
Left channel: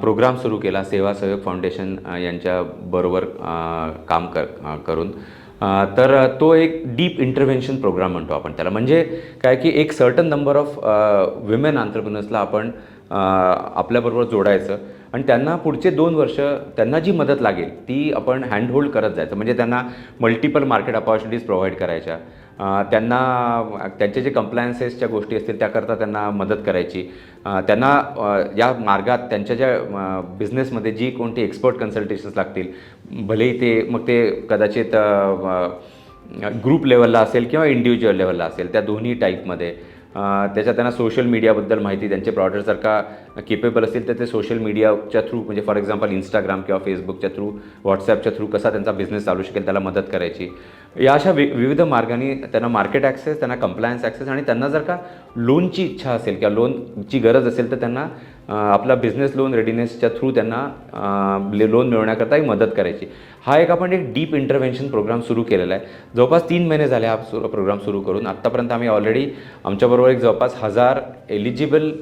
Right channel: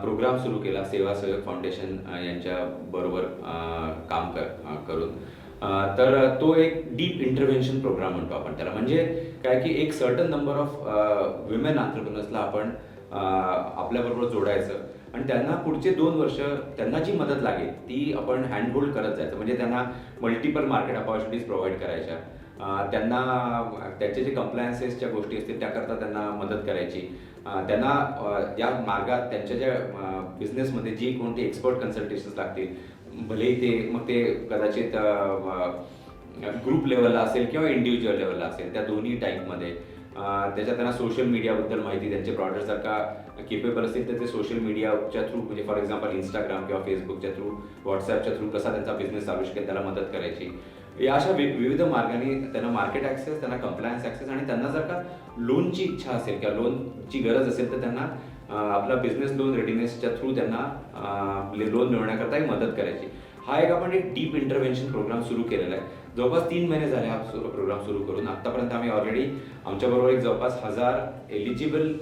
प्रोग्राम सुरू केला सेवा सहयोग फाउंडेशन यांच्याबरोबर काम करून. तर तो एक डीप इंटरव्हेन्शन प्रोग्राम म्हणतो आपण त्याला. म्हणजे काय की एक सर्टन नंबर ऑफ विमेन एंटरप्रेन्योर्सला आपण आपल्याबरोबर जोडायचं आणि त्यांना पुढचे 2 वर्ष त्यांना जी मदत लागेल ती आपण हँडहोल्ड करत जायचं. म्हणजे त्यांना मल्टिपल मार्केट अपॉर्च्युनिटीज प्रोव्हाइड करायच्या. त्यांना त्यांचे जे कंप्लायन्सेसच्या गोष्टी असतील त्याकरता त्यांना मदत करायची. त्यांना या मार्गात त्यांच्या ज्या बिझनेसमध्ये जी कोणती एक्सपर्ट कन्सल्टेशन्स लागतील भलेही ते कदाचित ग्रुप लेवलला असेल किंवा इंडिव्हिज्युअल लेवलला असेल त्या दोन्ही टाईपमध्ये. त्याच्यात त्यांना सोशल मीडियाबद्दल माहिती, त्यांचे प्रॉडक्ट जर का केपेबल असतील तर ते सोशल मीडियाच्या थ्रू म्हणजे फॉर एक्झाम्पल इंस्टाग्राम किंवा फेसबुकच्या थ्रू, व्हॉट्सॲपच्या थ्रू कसा त्यांचा बिझनेस चालू शकेल त्याला मदत करायची. या अशा विविध मार्गाने त्यांना मार्केट ॲक्सेस, त्यांना कंप्लायन्स ॲक्सेस आणि त्यांना जर का लोनची इच्छा असेल किंवा लोनची गरज असेल तर त्यांना आपला बिझनेस लोन रेडिनेसच्या थ्रू त्यांना लोन मिळवण्याकरताही मदत करायची. हा आपण एक डीप इंटरव्हेन्शन प्रोग्राम सुरू केलेला आहे. जवळपास 3 महिने झाले हा प्रोग्राम सुरू करून. आत्तापर्यंत आम्ही ऑलरेडी आमच्याबरोबर जवळपास 1000 एलिजिबल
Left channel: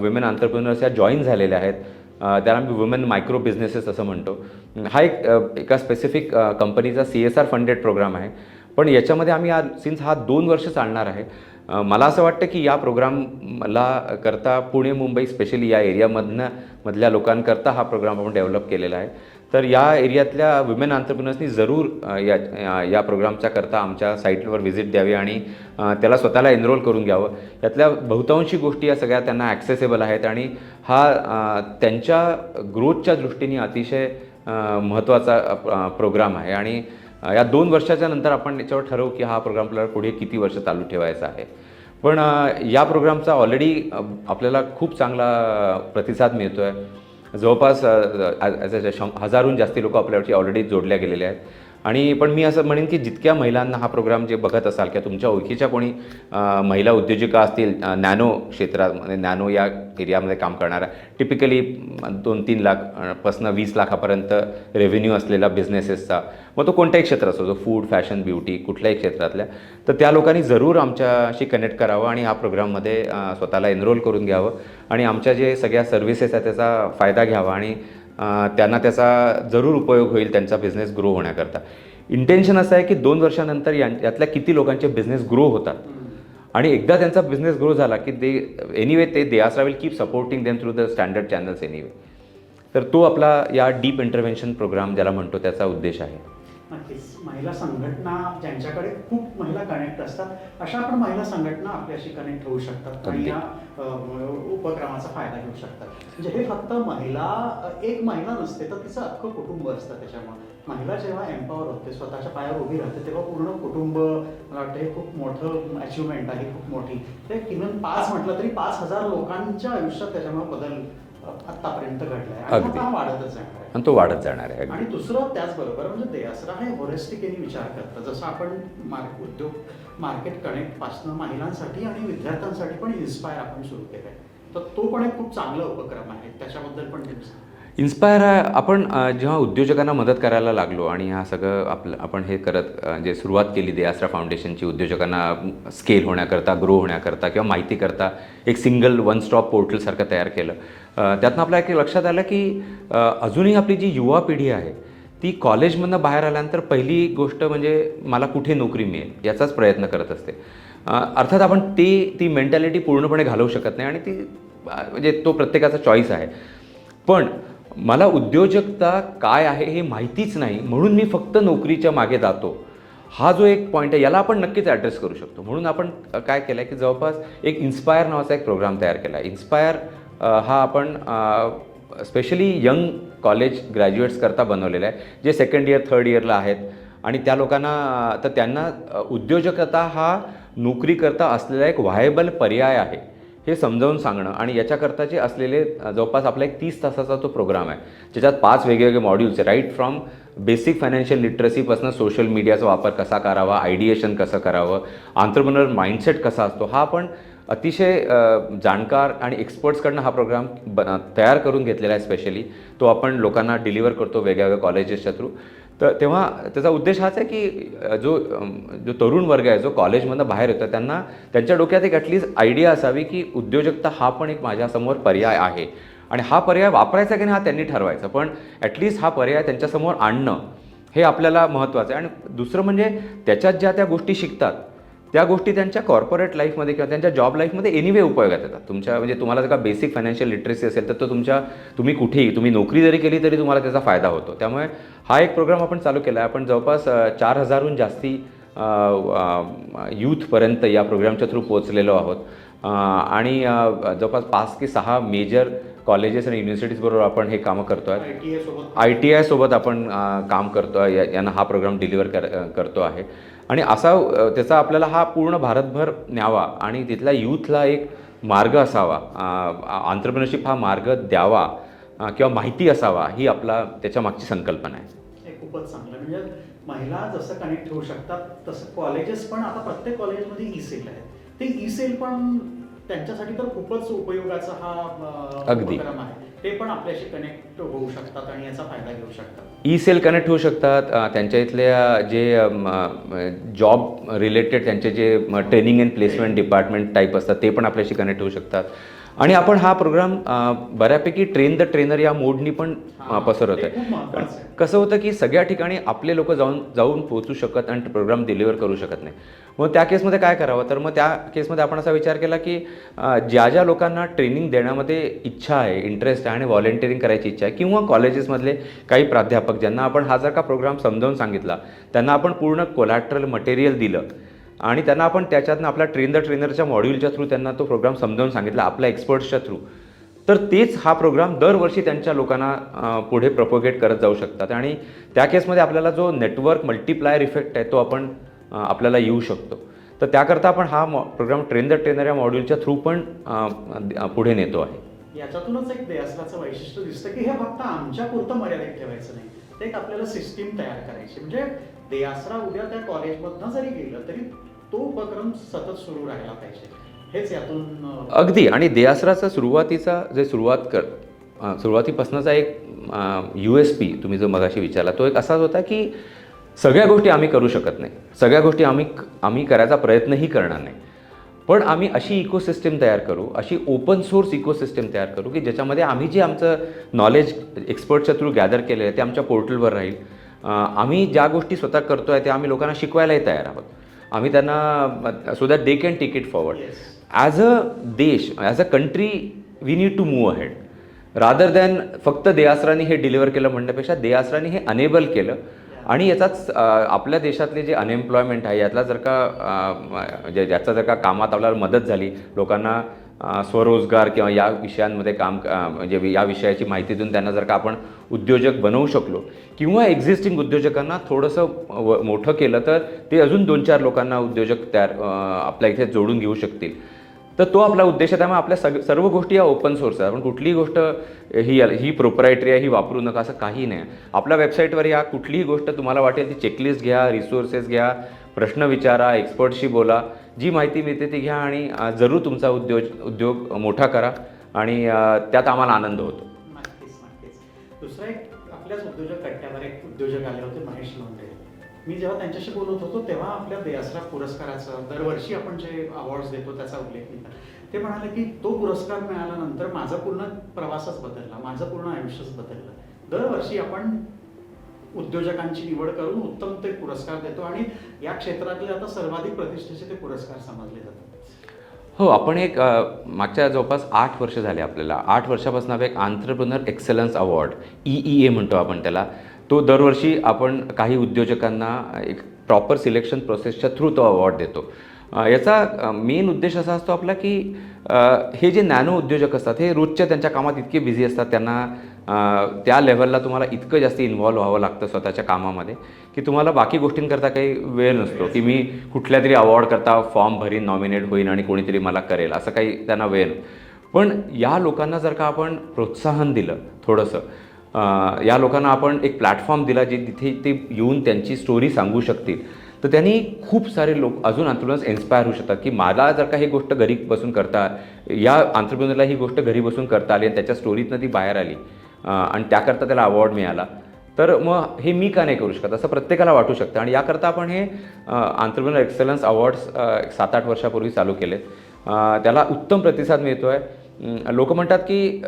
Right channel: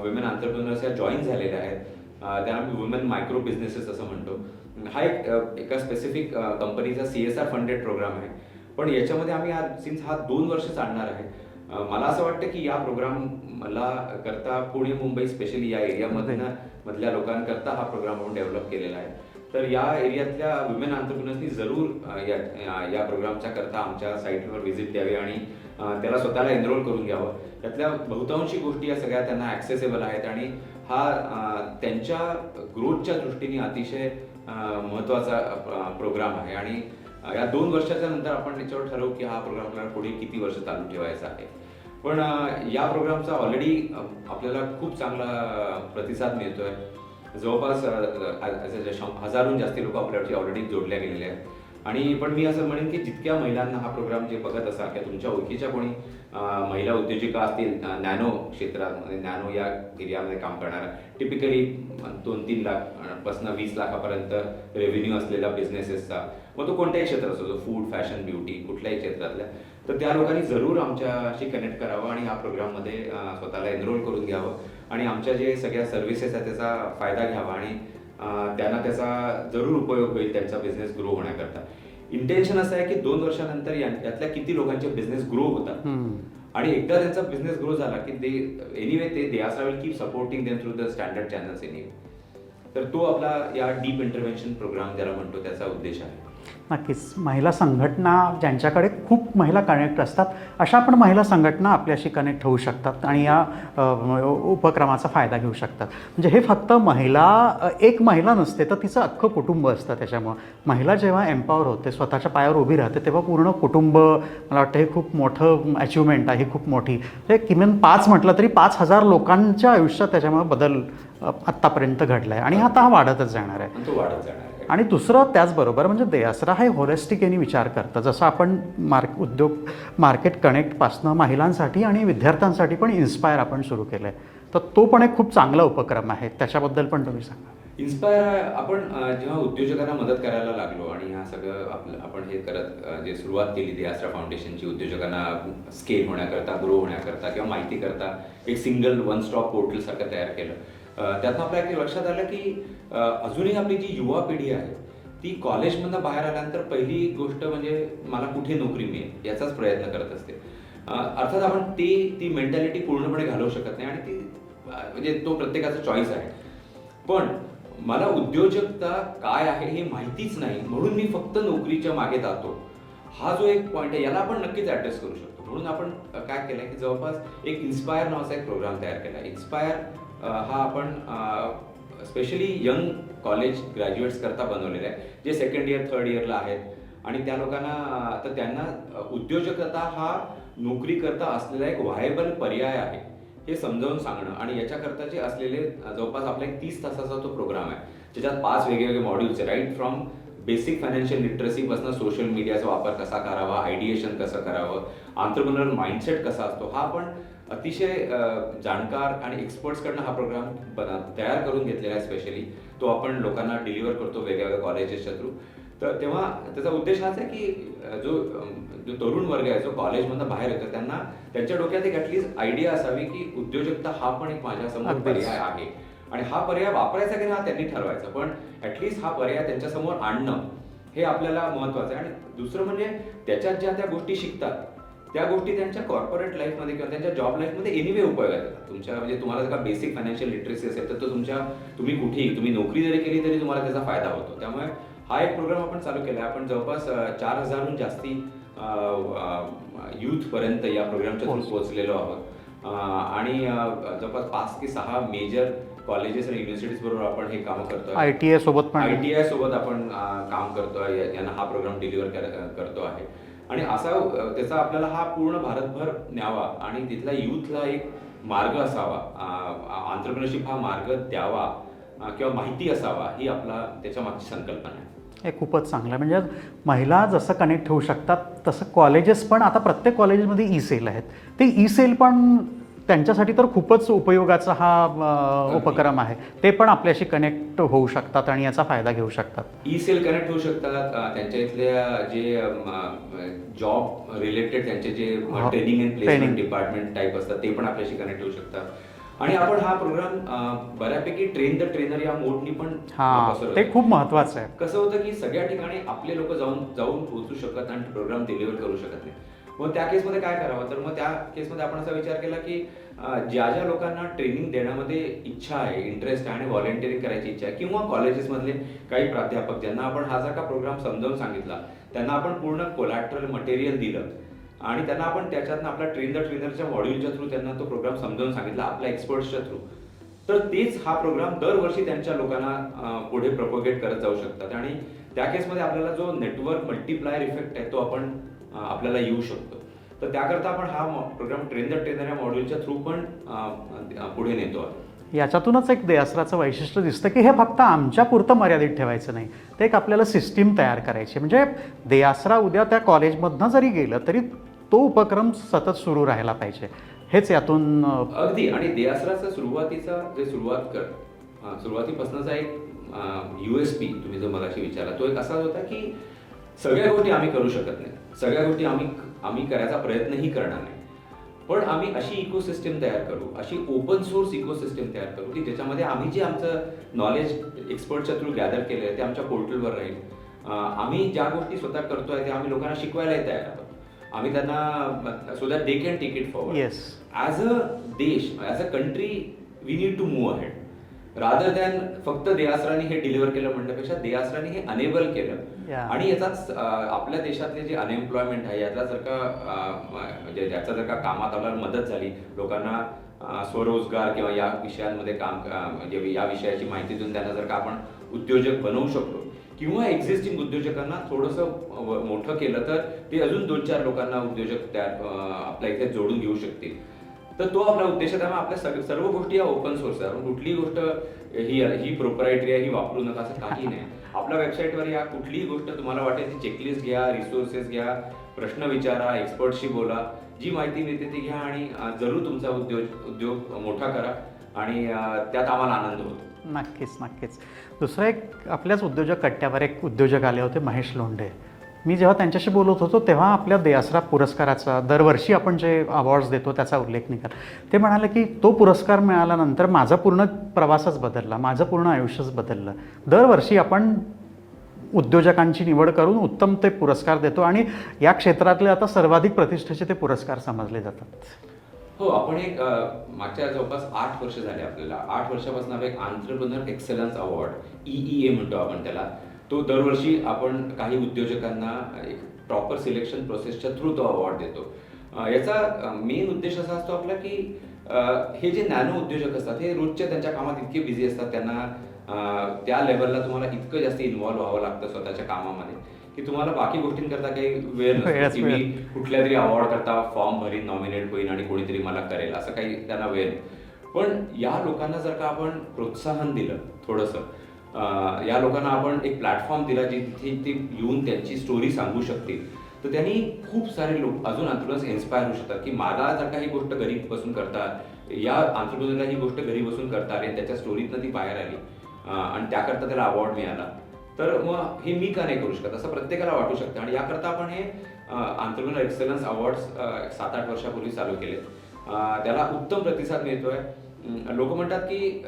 विमेन एंटरप्रेन्योर्स या जॉईन झालेल्या आहेत. त्याला आम्ही वुमेन मायक्रो बिझनेसेस असं म्हणतो. हा एका स्पेसिफिक कंपनीचा CSR फंडेड प्रोग्राम आहे. पण याच्यामध्ये आम्ही सिन्स हा 2 वर्ष चालणार आहे. मला असं वाटतं की या प्रोग्रामला करता पुणे मुंबई स्पेशली या एरियामधल्या लोकांकरता हा प्रोग्राम आपण डेव्हलप केलेला आहे. तर या एरियातल्या विमेन एंटरप्रेन्योर्सनी जरूर या प्रोग्रामच्या करता आमच्या साईटवर व्हिजिट द्यावी आणि त्याला स्वतःला एनरोल करून घ्यावं. यातल्या बहुतांशी गोष्टी या सगळ्या त्यांना ॲक्सेसेबल आहेत आणि हा त्यांच्या ग्रोथच्या दृष्टीने अतिशय महत्त्वाचा प्रोग्राम आहे. आणि या 2 वर्षाच्या नंतर आपण याच्यावर ठरवू की हा प्रोग्राम आपल्याला पुढे किती वर्ष चालू ठेवायचा आहे. पण या प्रोग्रामचा ऑलरेडी आपल्याला खूप चांगला प्रतिसाद मिळतो आहे. जवळपास 1000हून जास्ती लोक आपल्यावरती ऑलरेडी जोडल्या गेलेले आहेत. आणि पण मी असं म्हणेन की जितक्या महिलांना हा प्रोग्राम जे बघत असाल किंवा तुमच्या ओळखीच्या कोणी महिला उद्योजिका असतील नॅनो क्षेत्रामध्ये, नॅनो या एरियामध्ये काम करणाऱ्या, टिपिकली 2-3 लाखपासून 20 लाखापर्यंत रेव्हेन्यू असलेला बिझनेसेसचा, मग तो कोणत्याही क्षेत्र असतो, जो फूड, फॅशन, ब्युटी, कुठल्याही क्षेत्रातल्या, तर त्या लोकांनी जरूर आमच्याशी कनेक्ट करावं आणि हा प्रोग्राममध्ये स्वतःला एनरोल करून घ्यावं आणि आमच्या जे सगळ्या सर्व्हिसेस आहेत त्याचा फायदा घ्यावा आणि त्यांना त्याचा जरूर उपयोग होईल त्यांचा बिझनेस ग्रो होण्याकरता. इंटेन्शन असं आहे की 2 वर्षानंतर यातल्या किती लोकांचे बिझनेस ग्रो होतात आणि एकदा त्यांचा बिझनेस ग्रो झाला की दे आस्रा will keep supporting them through the standard channels anyway. तर तो आपला या डीप इंटरव्हेन्शन प्रोग्राम ज्याला म्हणतो त्याचा उद्देश आहे. नक्कीच. महिला संघटना ज्यांच्याकडे खूप महिला कनेक्ट असतात, अशा पण महिला संघटना आपल्याशी कनेक्ट होऊ शकतात आणि या उपक्रमाचा फायदा घेऊ शकतात. म्हणजे हे फक्त एक महिला नसते, तर तिचं अख्खं कुटुंब असतं. त्याच्यामुळं महिला जेव्हा एम्पॉवर होते, स्वतःच्या पायावर उभी राहते, तेव्हा पूर्ण कुटुंब, मला वाटतं हे खूप मोठं अचिव्हमेंट आहे, खूप मोठी. ते किमान 5 म्हटलं तरी 5,000 लोकांच्या आयुष्यात त्याच्यामुळे बदल आत्तापर्यंत घडला आहे आणि आता हा वाढतच जाणार आहे. आणि तो वाढत जाणार आहे. आणि दुसरं त्याचबरोबर म्हणजे देआसरा हे होलिस्टिक यांनी विचार करतं. जसं आपण मार्केट कनेक्टपासनं महिलांसाठी आणि विद्यार्थ्यांसाठी पण इन्स्पायर आपण सुरू केलं आहे, तर तो पण एक खूप चांगला उपक्रम आहे. त्याच्याबद्दल पण तुम्ही सांगा. इन्स्पायर आपण जेव्हा उद्योजकांना मदत करायला लागलो आणि हा सगळं आपण हे करत जे सुरुवात केली देआसरा फाउंडेशनची, उद्योजकांना स्केल होण्याकरता, ग्रो होण्याकरता किंवा माहिती करता एक सिंगल वन स्टॉप पोर्टलसारखं तयार केलं. त्यातनं आपल्या एक लक्षात आलं की अजूनही आपली जी युवा पिढी आहे ती कॉलेजमधनं बाहेर आल्यानंतर पहिली गोष्ट म्हणजे मला कुठे नोकरी मिळेल याचाच प्रयत्न करत असते. अर्थात आपण ती मेंटॅलिटी पूर्णपणे घालवू शकत नाही आणि ती म्हणजे तो प्रत्येकाचा चॉईस आहे. पण मला उद्योजकता काय आहे हे माहितीच नाही, म्हणून मी फक्त नोकरीच्या मागे जातो, हा जो एक पॉईंट आहे याला आपण नक्कीच ॲड्रेस करू शकतो. म्हणून आपण काय केलं आहे की जवळपास एक इन्स्पायर नावाचा एक प्रोग्राम तयार केला आहे. इन्स्पायर हा आपण स्पेशली यंग कॉलेज ग्रॅज्युएट्स करता बनवलेला आहे, जे 2nd इयर 3rd इयरला आहेत आणि त्या लोकांना तर त्यांना उद्योजकता हा नोकरीकरता असलेला एक व्हायबल पर्याय आहे हे समजावून सांगणं आणि याच्याकरताचे असलेले जवळपास आपला एक 30 तासाचा तो प्रोग्राम आहे, ज्याच्यात 5 वेगवेगळे मॉड्यूल्स आहे. राईट फ्रॉम बेसिक फायनान्शियल लिटरसीपासून सोशल मीडियाचा वापर कसा करावा, आयडिएशन कसं करावं, आंतरप्रेन्योर माइंडसेट कसा असतो, हा आपण अतिशय जाणकार आणि एक्सपर्ट्सकडनं हा प्रोग्राम तयार करून घेतलेला आहे. स्पेशली तो आपण लोकांना डिलिव्हर करतो वेगवेगळ्या कॉलेजेसच्या थ्रू. तर तेव्हा त्याचा उद्देश हाच आहे की जो तरुण वर्ग आहे जो कॉलेजमधनं बाहेर येतो त्यांना त्यांच्या डोक्यात एक ॲटलिस्ट आयडिया असावी की उद्योजकता हा पण एक माझ्यासमोर पर्याय आहे आणि हा पर्याय वापरायचा की नाही हा त्यांनी ठरवायचं, पण ॲटलिस्ट हा पर्याय त्यांच्यासमोर आणणं हे आपल्याला महत्त्वाचं आहे. आणि दुसरं म्हणजे त्याच्यात ज्या त्या गोष्टी शिकतात त्या गोष्टी त्यांच्या कॉर्पोरेट लाईफमध्ये किंवा त्यांच्या जॉब लाईफमध्ये एनिवे उपयोगात येतात. म्हणजे तुम्हाला जर का बेसिक फायनान्शियल लिटरसी असेल तर तो तुम्ही कुठेही तुम्ही नोकरी जरी केली तरी तुम्हाला त्याचा फायदा होतो. त्यामुळे हा एक प्रोग्राम आपण चालू केला आहे. आपण जवळपास 4,000हून जास्ती यूथपर्यंत या प्रोग्रामच्या थ्रू पोहोचलेलो आहोत आणि जवळपास 5 ते 6 मेजर कॉलेजेस आणि युनिव्हर्सिटीजबरोबर आपण हे कामं करतो आहे. ITI सोबत आपण काम करतो आहे, यांना हा प्रोग्राम डिलिव्हर करतो आहे आणि असा त्याचा आपल्याला हा पूर्ण भारतभर न्यावा आणि तिथल्या यूथला एक मार्ग असावा, आंतरप्रेन्योरशिप हा मार्ग द्यावा किंवा माहिती असावा, ही आपला त्याच्या मागची संकल्पना आहे. हे खूपच चांगलं आहे. म्हणजे महिला जसं कनेक्ट होऊ शकतात तसं कॉलेजेस पण आता प्रत्येक कॉलेजमध्ये ई-सेल आहेत. ते ई-सेल पण त्यांच्यासाठी तर खूपच उपयोगाचा हा उपक्रम आहे. ते पण आपल्याशी कनेक्ट होऊ शकतात आणि याचा फायदा घेऊ शकतात. ई-सेल कनेक्ट होऊ शकतात. त्यांच्या इथल्या जे जॉब रिलेटेड त्यांचे जे training and placement department type असतात ते पण आपल्याशी कनेक्ट होऊ शकतात. आणि आपण हा प्रोग्राम बऱ्यापैकी ट्रेन द ट्रेनर या मोडनी पण पसरवतो. ते खूप महत्त्वाचं आहे. कसं होतं की सगळ्या ठिकाणी आपले लोक जाऊन पोहोचू शकत आणि प्रोग्राम डिलिव्हर करू शकत नाही. मग त्या केसमध्ये काय करावं, तर मग त्या केसमध्ये आपण असा विचार केला की ज्या लोकांना ट्रेनिंग देण्यामध्ये इच्छा आहे, इंटरेस्ट आहे आणि व्हॉलेंटिअरिंग करायची इच्छा आहे किंवा कॉलेजेसमधले काही प्राध्यापक ज्यांना आपण हा जर का प्रोग्राम समजावून सांगितला, त्यांना आपण पूर्ण कोलॅटरल मटेरियल दिलं आणि त्यांना आपण त्याच्यातनं आपल्या ट्रेन द ट्रेनरच्या मॉड्यूलच्या थ्रू त्यांना तो प्रोग्राम समजावून सांगितला आपल्या एक्सपर्ट्सच्या थ्रू, तर तेच हा प्रोग्राम दरवर्षी त्यांच्या लोकांना पुढे प्रपोगेट करत जाऊ शकतात. आणि त्या केसमध्ये आपल्याला जो नेटवर्क मल्टिप्लायर इफेक्ट आहे तो आपण आपल्याला येऊ शकतो. तर त्याकरता आपण हा प्रोग्राम ट्रेन द ट्रेनर या मॉड्यूलच्या थ्रू पण पुढे नेतो आहे. याच्यातूनच एक देआसराचं वैशिष्ट्य दिसतं की हे फक्त आमच्या पुरतं मर्यादित ठेवायचं नाही, ते एक आपल्याला सिस्टीम तयार करायची. म्हणजे देआसरा उद्या त्या कॉलेजमधनं जरी गेलं तरी तो उपक्रम सतत सुरू राहायला पाहिजे, हेच यातून अगदी. आणि देआसराचा सुरुवातीचा जे सुरुवातीपासूनचा एक USP तुम्ही जो मगाशी विचारला तो एक असाच होता की सगळ्या गोष्टी आम्ही करू शकत नाही, सगळ्या गोष्टी आम्ही करायचा प्रयत्नही करणार नाही, पण आम्ही अशी इकोसिस्टीम तयार करू, अशी ओपन सोर्स इकोसिस्टीम तयार करू की ज्याच्यामध्ये आम्ही जे आमचं नॉलेज एक्सपर्टच्या थ्रू गॅदर केलं आहे ते आमच्या पोर्टलवर राहील. आम्ही ज्या गोष्टी स्वतः करतो आहे त्या आम्ही लोकांना शिकवायलाही तयार आहोत. आम्ही त्यांना so that they can take it forward. Yes, as a देश, as a country we need to move ahead rather than फक्त देआसरांनी हे डिलिव्हर केलं म्हणण्यापेक्षा देआसरांनी हे अनेबल केलं. आणि याचाच आपल्या देशातले जे अनएम्प्लॉयमेंट आहे यातला जर का ज्याचा जर का कामात आपल्याला मदत झाली, लोकांना स्वरोजगार किंवा या विषयांमध्ये काम म्हणजे या विषयाची माहिती देऊन त्यांना जर का आपण उद्योजक बनवू शकलो किंवा एक्झिस्टिंग उद्योजकांना थोडंसं मोठं केलं तर ते अजून 2-4 लोकांना उद्योजक आपल्या इथे जोडून घेऊ शकतील, तर तो आपला उद्देश आहे. त्यामुळे आपल्या सर्व गोष्टी या ओपन सोर्स आहे. आपण कुठलीही गोष्ट ही प्रोप्रायटरी आहे, ही वापरू नका असं काही नाही. आपल्या वेबसाईटवर या कुठलीही गोष्ट तुम्हाला वाटेल ती चेकलिस्ट घ्या, रिसोर्सेस घ्या, प्रश्न विचारा, एक्सपर्टशी बोला, जी माहिती मिळते ती घ्या आणि जरूर तुमचा उद्योग मोठा करा आणि त्यात आम्हाला आनंद होतो. नक्कीच नक्कीच. दुसरा एक आपल्याच उद्योजक कट्ट्यावर एक उद्योजक आले होते, महेश लोंढे. मी जेव्हा त्यांच्याशी बोलत होतो तेव्हा आपल्या देआसरा पुरस्काराचा दरवर्षी आपण जे अवॉर्ड्स देतो त्याचा उल्लेख नाही करत. ते म्हणाले की तो पुरस्कार मिळाल्यानंतर माझा पूर्ण प्रवासच बदलला, माझं पूर्ण आयुष्यच बदललं. दरवर्षी आपण उद्योजकांची निवड करून उत्तम ते पुरस्कार देतो आणि या क्षेत्रातले आता सर्वाधिक प्रतिष्ठेचे ते पुरस्कार समजले जातात. हो, आपण एक मागच्या जवळपास 8 वर्ष झाले आपल्याला. 8 वर्षापासून आपण एक आंत्रप्रेन्योर एक्सलन्स अवॉर्ड EEA म्हणतो आपण त्याला, तो दरवर्षी आपण काही उद्योजकांना एक प्रॉपर सिलेक्शन प्रोसेसच्या थ्रू तो अवॉर्ड देतो. याचा मेन उद्देश असा असतो आपला की हे जे नॅनो उद्योजक असतात हे रोजच्या त्यांच्या कामात इतके बिझी असतात, त्यांना त्या लेवलला तुम्हाला इतकं जास्त इन्व्हॉल्व्ह व्हावं लागतं स्वतःच्या कामामध्ये की तुम्हाला बाकी गोष्टींकरता काही वेळ नसतो की मी कुठल्या तरी अवॉर्ड करता फॉर्म भरीन, नॉमिनेट होईन आणि कोणीतरी मला करेल, असं काही त्यांना वेळ नाही. पण या लोकांना जर का आपण प्रोत्साहन दिलं थोडंसं, या लोकांना आपण एक प्लॅटफॉर्म दिला जे तिथे ते येऊन त्यांची स्टोरी सांगू शकतील, तर त्यांनी खूप सारे लोक अजून आंतरप्रेन्योर्स इन्स्पायर होऊ शकतात की मला जर का ही गोष्ट घरी बसून करता, या आंतरप्रेन्योरला ही गोष्ट घरी बसून करता आली आणि त्याच्या स्टोरीतनं ती बाहेर आली आणि त्याकरता त्याला अवॉर्ड मिळाला, तर मग हे मी का नाही करू शकत, असं प्रत्येकाला वाटू शकतं. आणि याकरता आपण हे आंतरप्रेन्योर एक्सलन्स अवॉर्ड्स 7-8 वर्षापूर्वी चालू केले. त्याला उत्तम प्रतिसाद मिळतो आहे. लोक म्हणतात की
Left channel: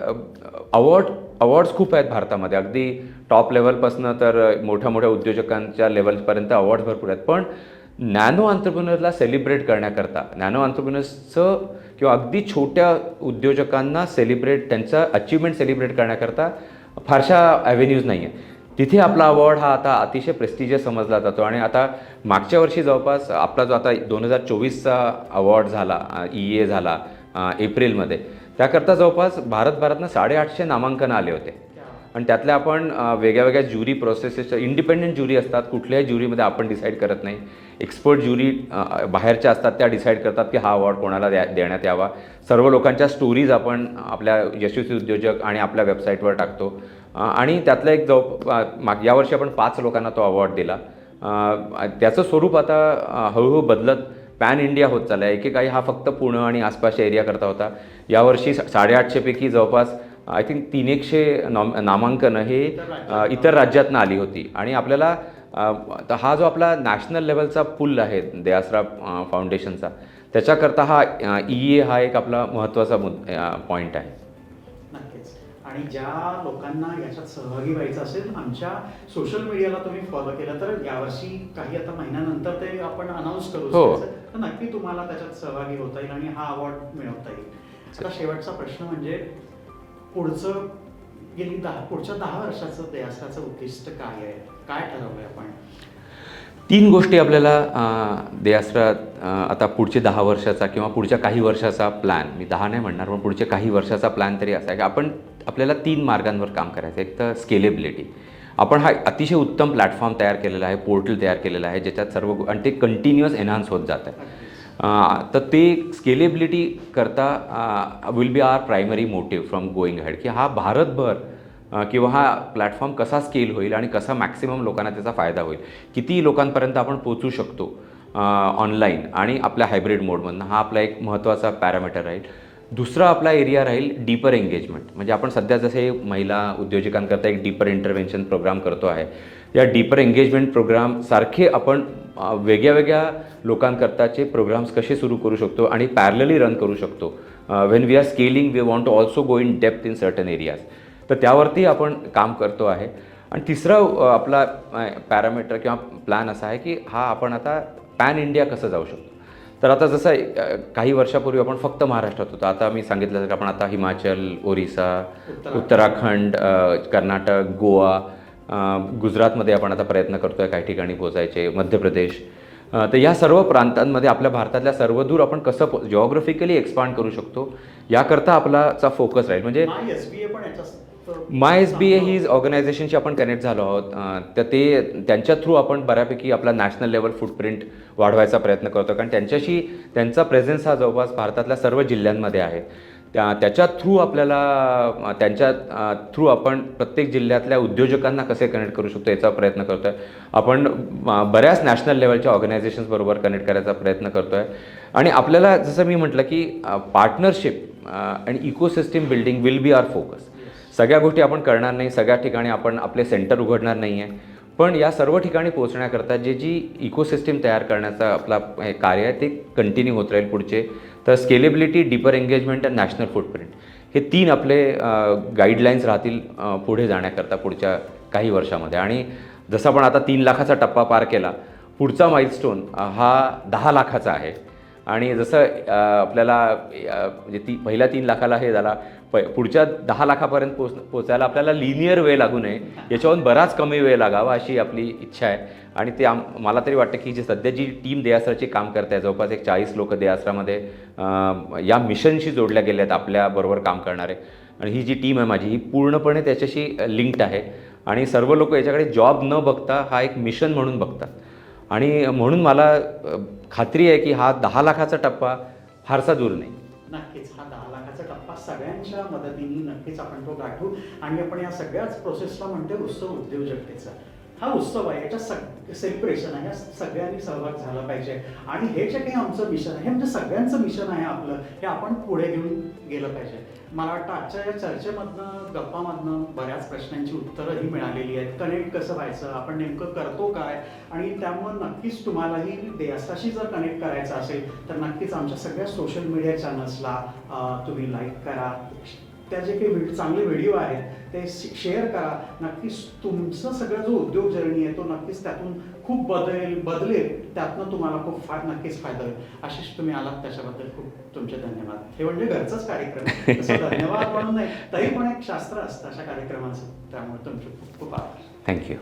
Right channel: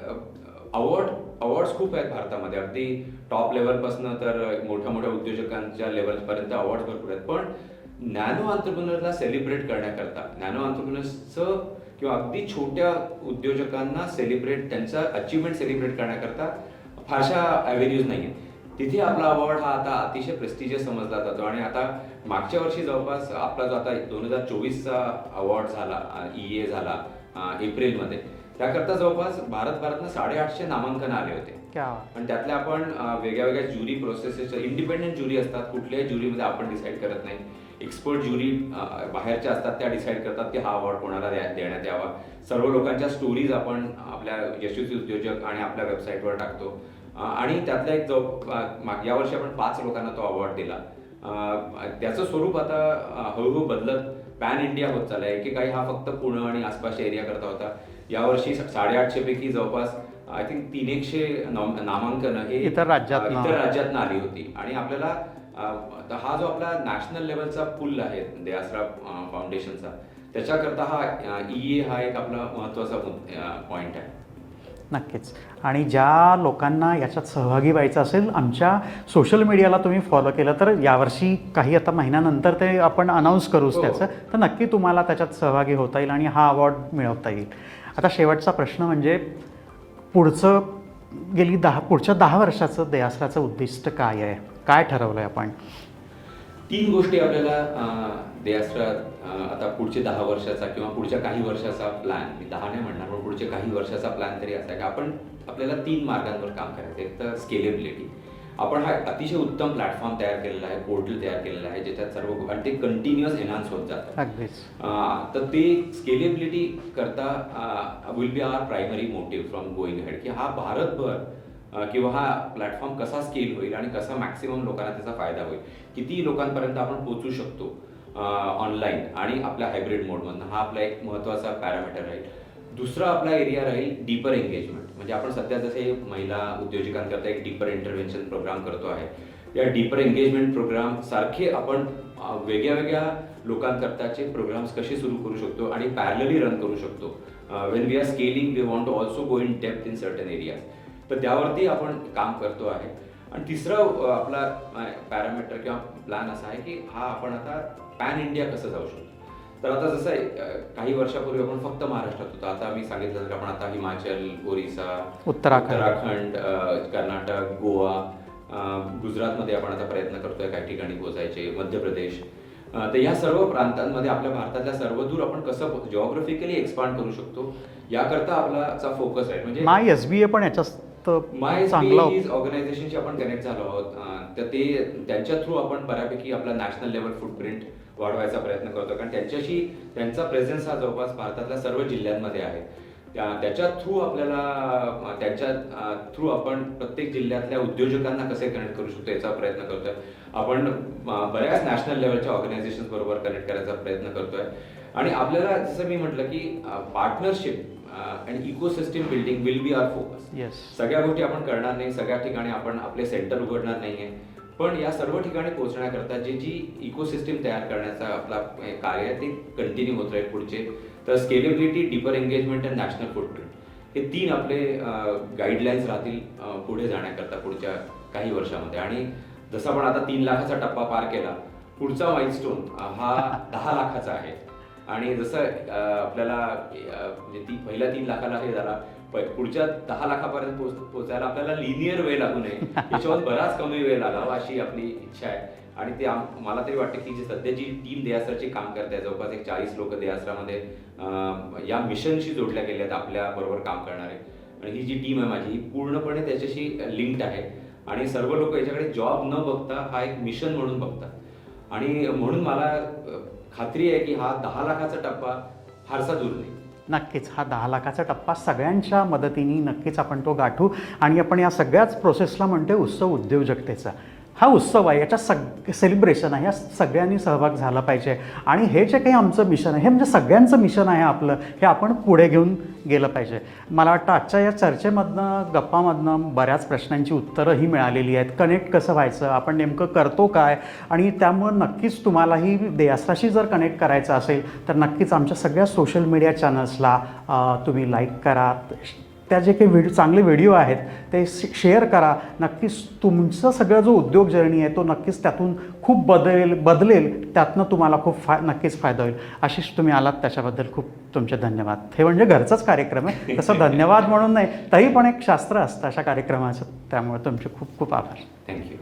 अवॉर्ड्स खूप आहेत भारतामध्ये, अगदी टॉप लेवलपासून तर मोठ्या मोठ्या उद्योजकांच्या लेवलपर्यंत अवॉर्ड्स भरपूर आहेत. पण नॅनो आंतरप्रेन्योरला सेलिब्रेट करण्याकरता, नॅनो आंतरप्रेन्योर्सचं किंवा अगदी छोट्या उद्योजकांना त्यांचा अचिव्हमेंट सेलिब्रेट करण्याकरता फारशा ॲव्हेन्यूज नाही आहे. तिथे आपला अवॉर्ड हा आता अतिशय प्रेस्टिजियस समजला जातो. आणि आता मागच्या वर्षी जवळपास आपला जो आता 2024चा अवॉर्ड झाला, EEA झाला एप्रिलमध्ये, त्याकरता जवळपास भारतभरातनं 850 नामांकनं आले होते. आणि त्यातल्या आपण वेगळ्या वेगळ्या ज्युरी प्रोसेसेसच्या, इंडिपेंडंट ज्युरी असतात, कुठल्याही ज्युरीमध्ये आपण डिसाईड करत नाही, एक्सपर्ट ज्युरी बाहेरच्या असतात, त्या डिसाईड करतात की हा अवॉर्ड कोणाला देण्यात यावा. सर्व लोकांच्या स्टोरीज आपण आपल्या यशस्वी उद्योजक आणि आपल्या वेबसाईटवर टाकतो. आणि त्यातलं एक यावर्षी आपण 5 लोकांना तो अवॉर्ड दिला. त्याचं स्वरूप आता हळूहळू बदलत पॅन इंडिया होत चाललं आहे. एकेकाळी हा फक्त पुणे आणि आसपासच्या एरिया करता होता. यावर्षी 850 पैकी जवळपास आय थिंक 300 नामांकनं हे इतर राज्यातनं आली होती. आणि आपल्याला हा जो आपला नॅशनल लेवलचा पूल आहे देआसरा फाउंडेशनचा, त्याच्याकरता हा EEA हा एक आपला महत्त्वाचा पॉईंट आहे. नक्कीच. आणि ज्या लोकांना याच्यात सहभागी व्हायचं असेल, आमच्या सोशल मीडियाला तुम्ही फॉलो केलं तर यावर्षी काही आता महिन्यानंतर ते आपण अनाऊन्स करू त्याचं, तर नक्की तुम्हाला त्याच्यात सहभागी होता येईल आणि हा अवॉर्ड मिळवता येईल. आता शेवटचा प्रश्न म्हणजे पुढच्या 10 वर्षाचं देआसराचं उद्दिष्ट काय आहे, काय ठरवलं आहे आपण? 3 गोष्टी आपल्याला देआसरा आता पुढचे 10 वर्षाचा किंवा पुढच्या काही वर्षाचा प्लॅन, मी 10 नाही म्हणणार पण पुढच्या काही वर्षाचा प्लॅन तरी असा आहे की आपल्याला 3 मार्गांवर काम करायचं. एक तर स्केलेबिलिटी, आपण हा अतिशय उत्तम प्लॅटफॉर्म तयार केलेला आहे, पोर्टल तयार केलेलं आहे, ज्याच्यात सर्व आणि ते कंटिन्युअस एनहान्स होत जात आहे. अगदीच. तर ते स्केलेबिलिटी करता will be our primary motive from going ahead, की हा भारतभर किंवा हा प्लॅटफॉर्म कसा स्केल होईल आणि कसा मॅक्सिमम लोकांना त्याचा फायदा होईल, किती लोकांपर्यंत आपण पोचू शकतो ऑनलाईन आणि आपल्या हायब्रिड मोडमधनं, हा आपला एक महत्त्वाचा पॅरामीटर राहील. दुसरा आपला एरिया राहील डीपर एंगेजमेंट. म्हणजे आपण सध्या जसे महिला उद्योजकांकरता एक डीपर इंटरव्हेन्शन प्रोग्राम करतो आहे, या डीपर एंगेजमेंट प्रोग्राम सारखे आपण वेगळ्या वेगळ्या लोकांकरताचे प्रोग्राम्स कसे सुरू करू शकतो आणि पॅरलली रन करू शकतो. When we are scaling we want to also go in depth in certain areas. तर त्यावरती आपण काम करतो आहे. आणि तिसरा आपला पॅरामीटर किंवा प्लॅन असा आहे की हा आपण आता पॅन इंडिया कसं जाऊ शकतो. तर आता जसं काही वर्षापूर्वी आपण फक्त महाराष्ट्रात होतो, आता मी सांगितलं तर आपण आता हिमाचल, ओरिसा, उत्तराखंड, कर्नाटक, गोवा, गुजरातमध्ये आपण आता प्रयत्न करतो आहे काही ठिकाणी पोचायचे, मध्य प्रदेश. तर या सर्व प्रांतांमध्ये आपल्या भारतातल्या सर्वदूर आपण कसं जिओग्राफिकली एक्सपांड करू शकतो याकरता आपलाचा फोकस राहील. म्हणजे माय SBA पण याच्यात माय SBA ही ऑर्गनायझेशनशी आपण कनेक्ट झालो आहोत. तर ते त्यांच्या थ्रू आपण बऱ्यापैकी आपला नॅशनल लेवल फुटप्रिंट वाढवायचा प्रयत्न करतो, कारण त्यांचा प्रेझेन्स हा जवळपास भारतातल्या सर्व जिल्ह्यांमध्ये आहे. त्याच्या थ्रू आपल्याला त्यांच्या थ्रू आपण प्रत्येक जिल्ह्यातल्या उद्योजकांना कसे कनेक्ट करू शकतो याचा प्रयत्न करतो आहे. आपण बऱ्याच नॅशनल लेवलच्या ऑर्गनायझेशन्सबरोबर कनेक्ट करायचा प्रयत्न करतो आहे. आणि आपल्याला जसं मी म्हटलं की पार्टनरशिप आणि ecosystem building will be our focus. सगळ्या गोष्टी आपण करणार नाही, सगळ्या ठिकाणी आपण आपले सेंटर उघडणार नाही आहे, पण या सर्व ठिकाणी पोहोचण्याकरता जी इकोसिस्टीम तयार करण्याचा आपला कार्य आहे ते कंटिन्यू होत राहील पुढचे. तर स्केलेबिलिटी, डीपर एंगेजमेंट आणि नॅशनल फुटप्रिंट हे 3 आपले गाईडलाईन्स राहतील पुढे जाण्याकरता पुढच्या काही वर्षामध्ये. आणि जसं आपण आता 3 लाखाचा टप्पा पार केला, पुढचा माइलस्टोन हा 10 लाखाचा आहे. आणि जसं आपल्याला म्हणजे पहिल्या 3 लाखाला हे झाला, पुढच्या 10 लाखापर्यंत पोचायला आपल्याला लिनियर वेळ लागू नये, याच्याहून बराच कमी वेळ लागावा अशी आपली इच्छा आहे. आणि ते मला तरी वाटतं की सध्या जी टीम देआसराची काम करते आहे, जवळपास एक 40 लोक देआसरामध्ये या मिशनशी जोडल्या गेल्या आहेत आपल्याबरोबर काम करणारे. आणि ही जी टीम आहे माझी ही पूर्णपणे त्याच्याशी लिंक्ड आहे. आणि सर्व लोक याच्याकडे जॉब न बघता हा एक मिशन म्हणून बघतात. आणि म्हणून मला खात्री आहे की हा 10 लाखाचा टप्पा फारसा दूर नाही. नक्कीच हा 10 लाखाचा टप्पा सगळ्यांच्या मदतीने नक्कीच आपण तो गाठू. आणि आपण या सगळ्याच प्रोसेसला म्हणतोय उत्सव उद्योजकतेचा. हा उत्सव आहे, याच्या सेलिब्रेशन आहे, या सगळ्यांनी सहभाग झाला पाहिजे. आणि हे जे काही आमचं मिशन आहे हे म्हणजे सगळ्यांचं मिशन आहे आपलं, हे आपण पुढे घेऊन गेलं पाहिजे. मला वाटतं आजच्या या चर्चेमधनं, गप्पामधनं बऱ्याच प्रश्नांची उत्तरंही मिळालेली आहेत. कनेक्ट कसं व्हायचं, आपण नेमकं करतो काय, आणि त्यामुळं नक्कीच तुम्हालाही देआसराशी जर कनेक्ट करायचं असेल तर नक्कीच आमच्या सगळ्या सोशल मीडिया चॅनल्सला तुम्ही लाईक करा. त्या जे काही चांगले व्हिडिओ आहेत ते शेअर करा. नक्कीच तुमचा सगळा जो उद्योग जर्नी आहे तो नक्कीच त्यातून खूप बदलेल. त्यातनं तुम्हाला खूप नक्कीच फायदा होईल. आशिष, तुम्ही आलात त्याच्याबद्दल खूप तुमचे धन्यवाद. हे म्हणजे घरचाच कार्यक्रम आहे, तसं धन्यवाद म्हणून नाही, तरी पण एक शास्त्र असतं अशा कार्यक्रमाचं. त्यामुळे तुमचे खूप खूप आभार. थँक्यू.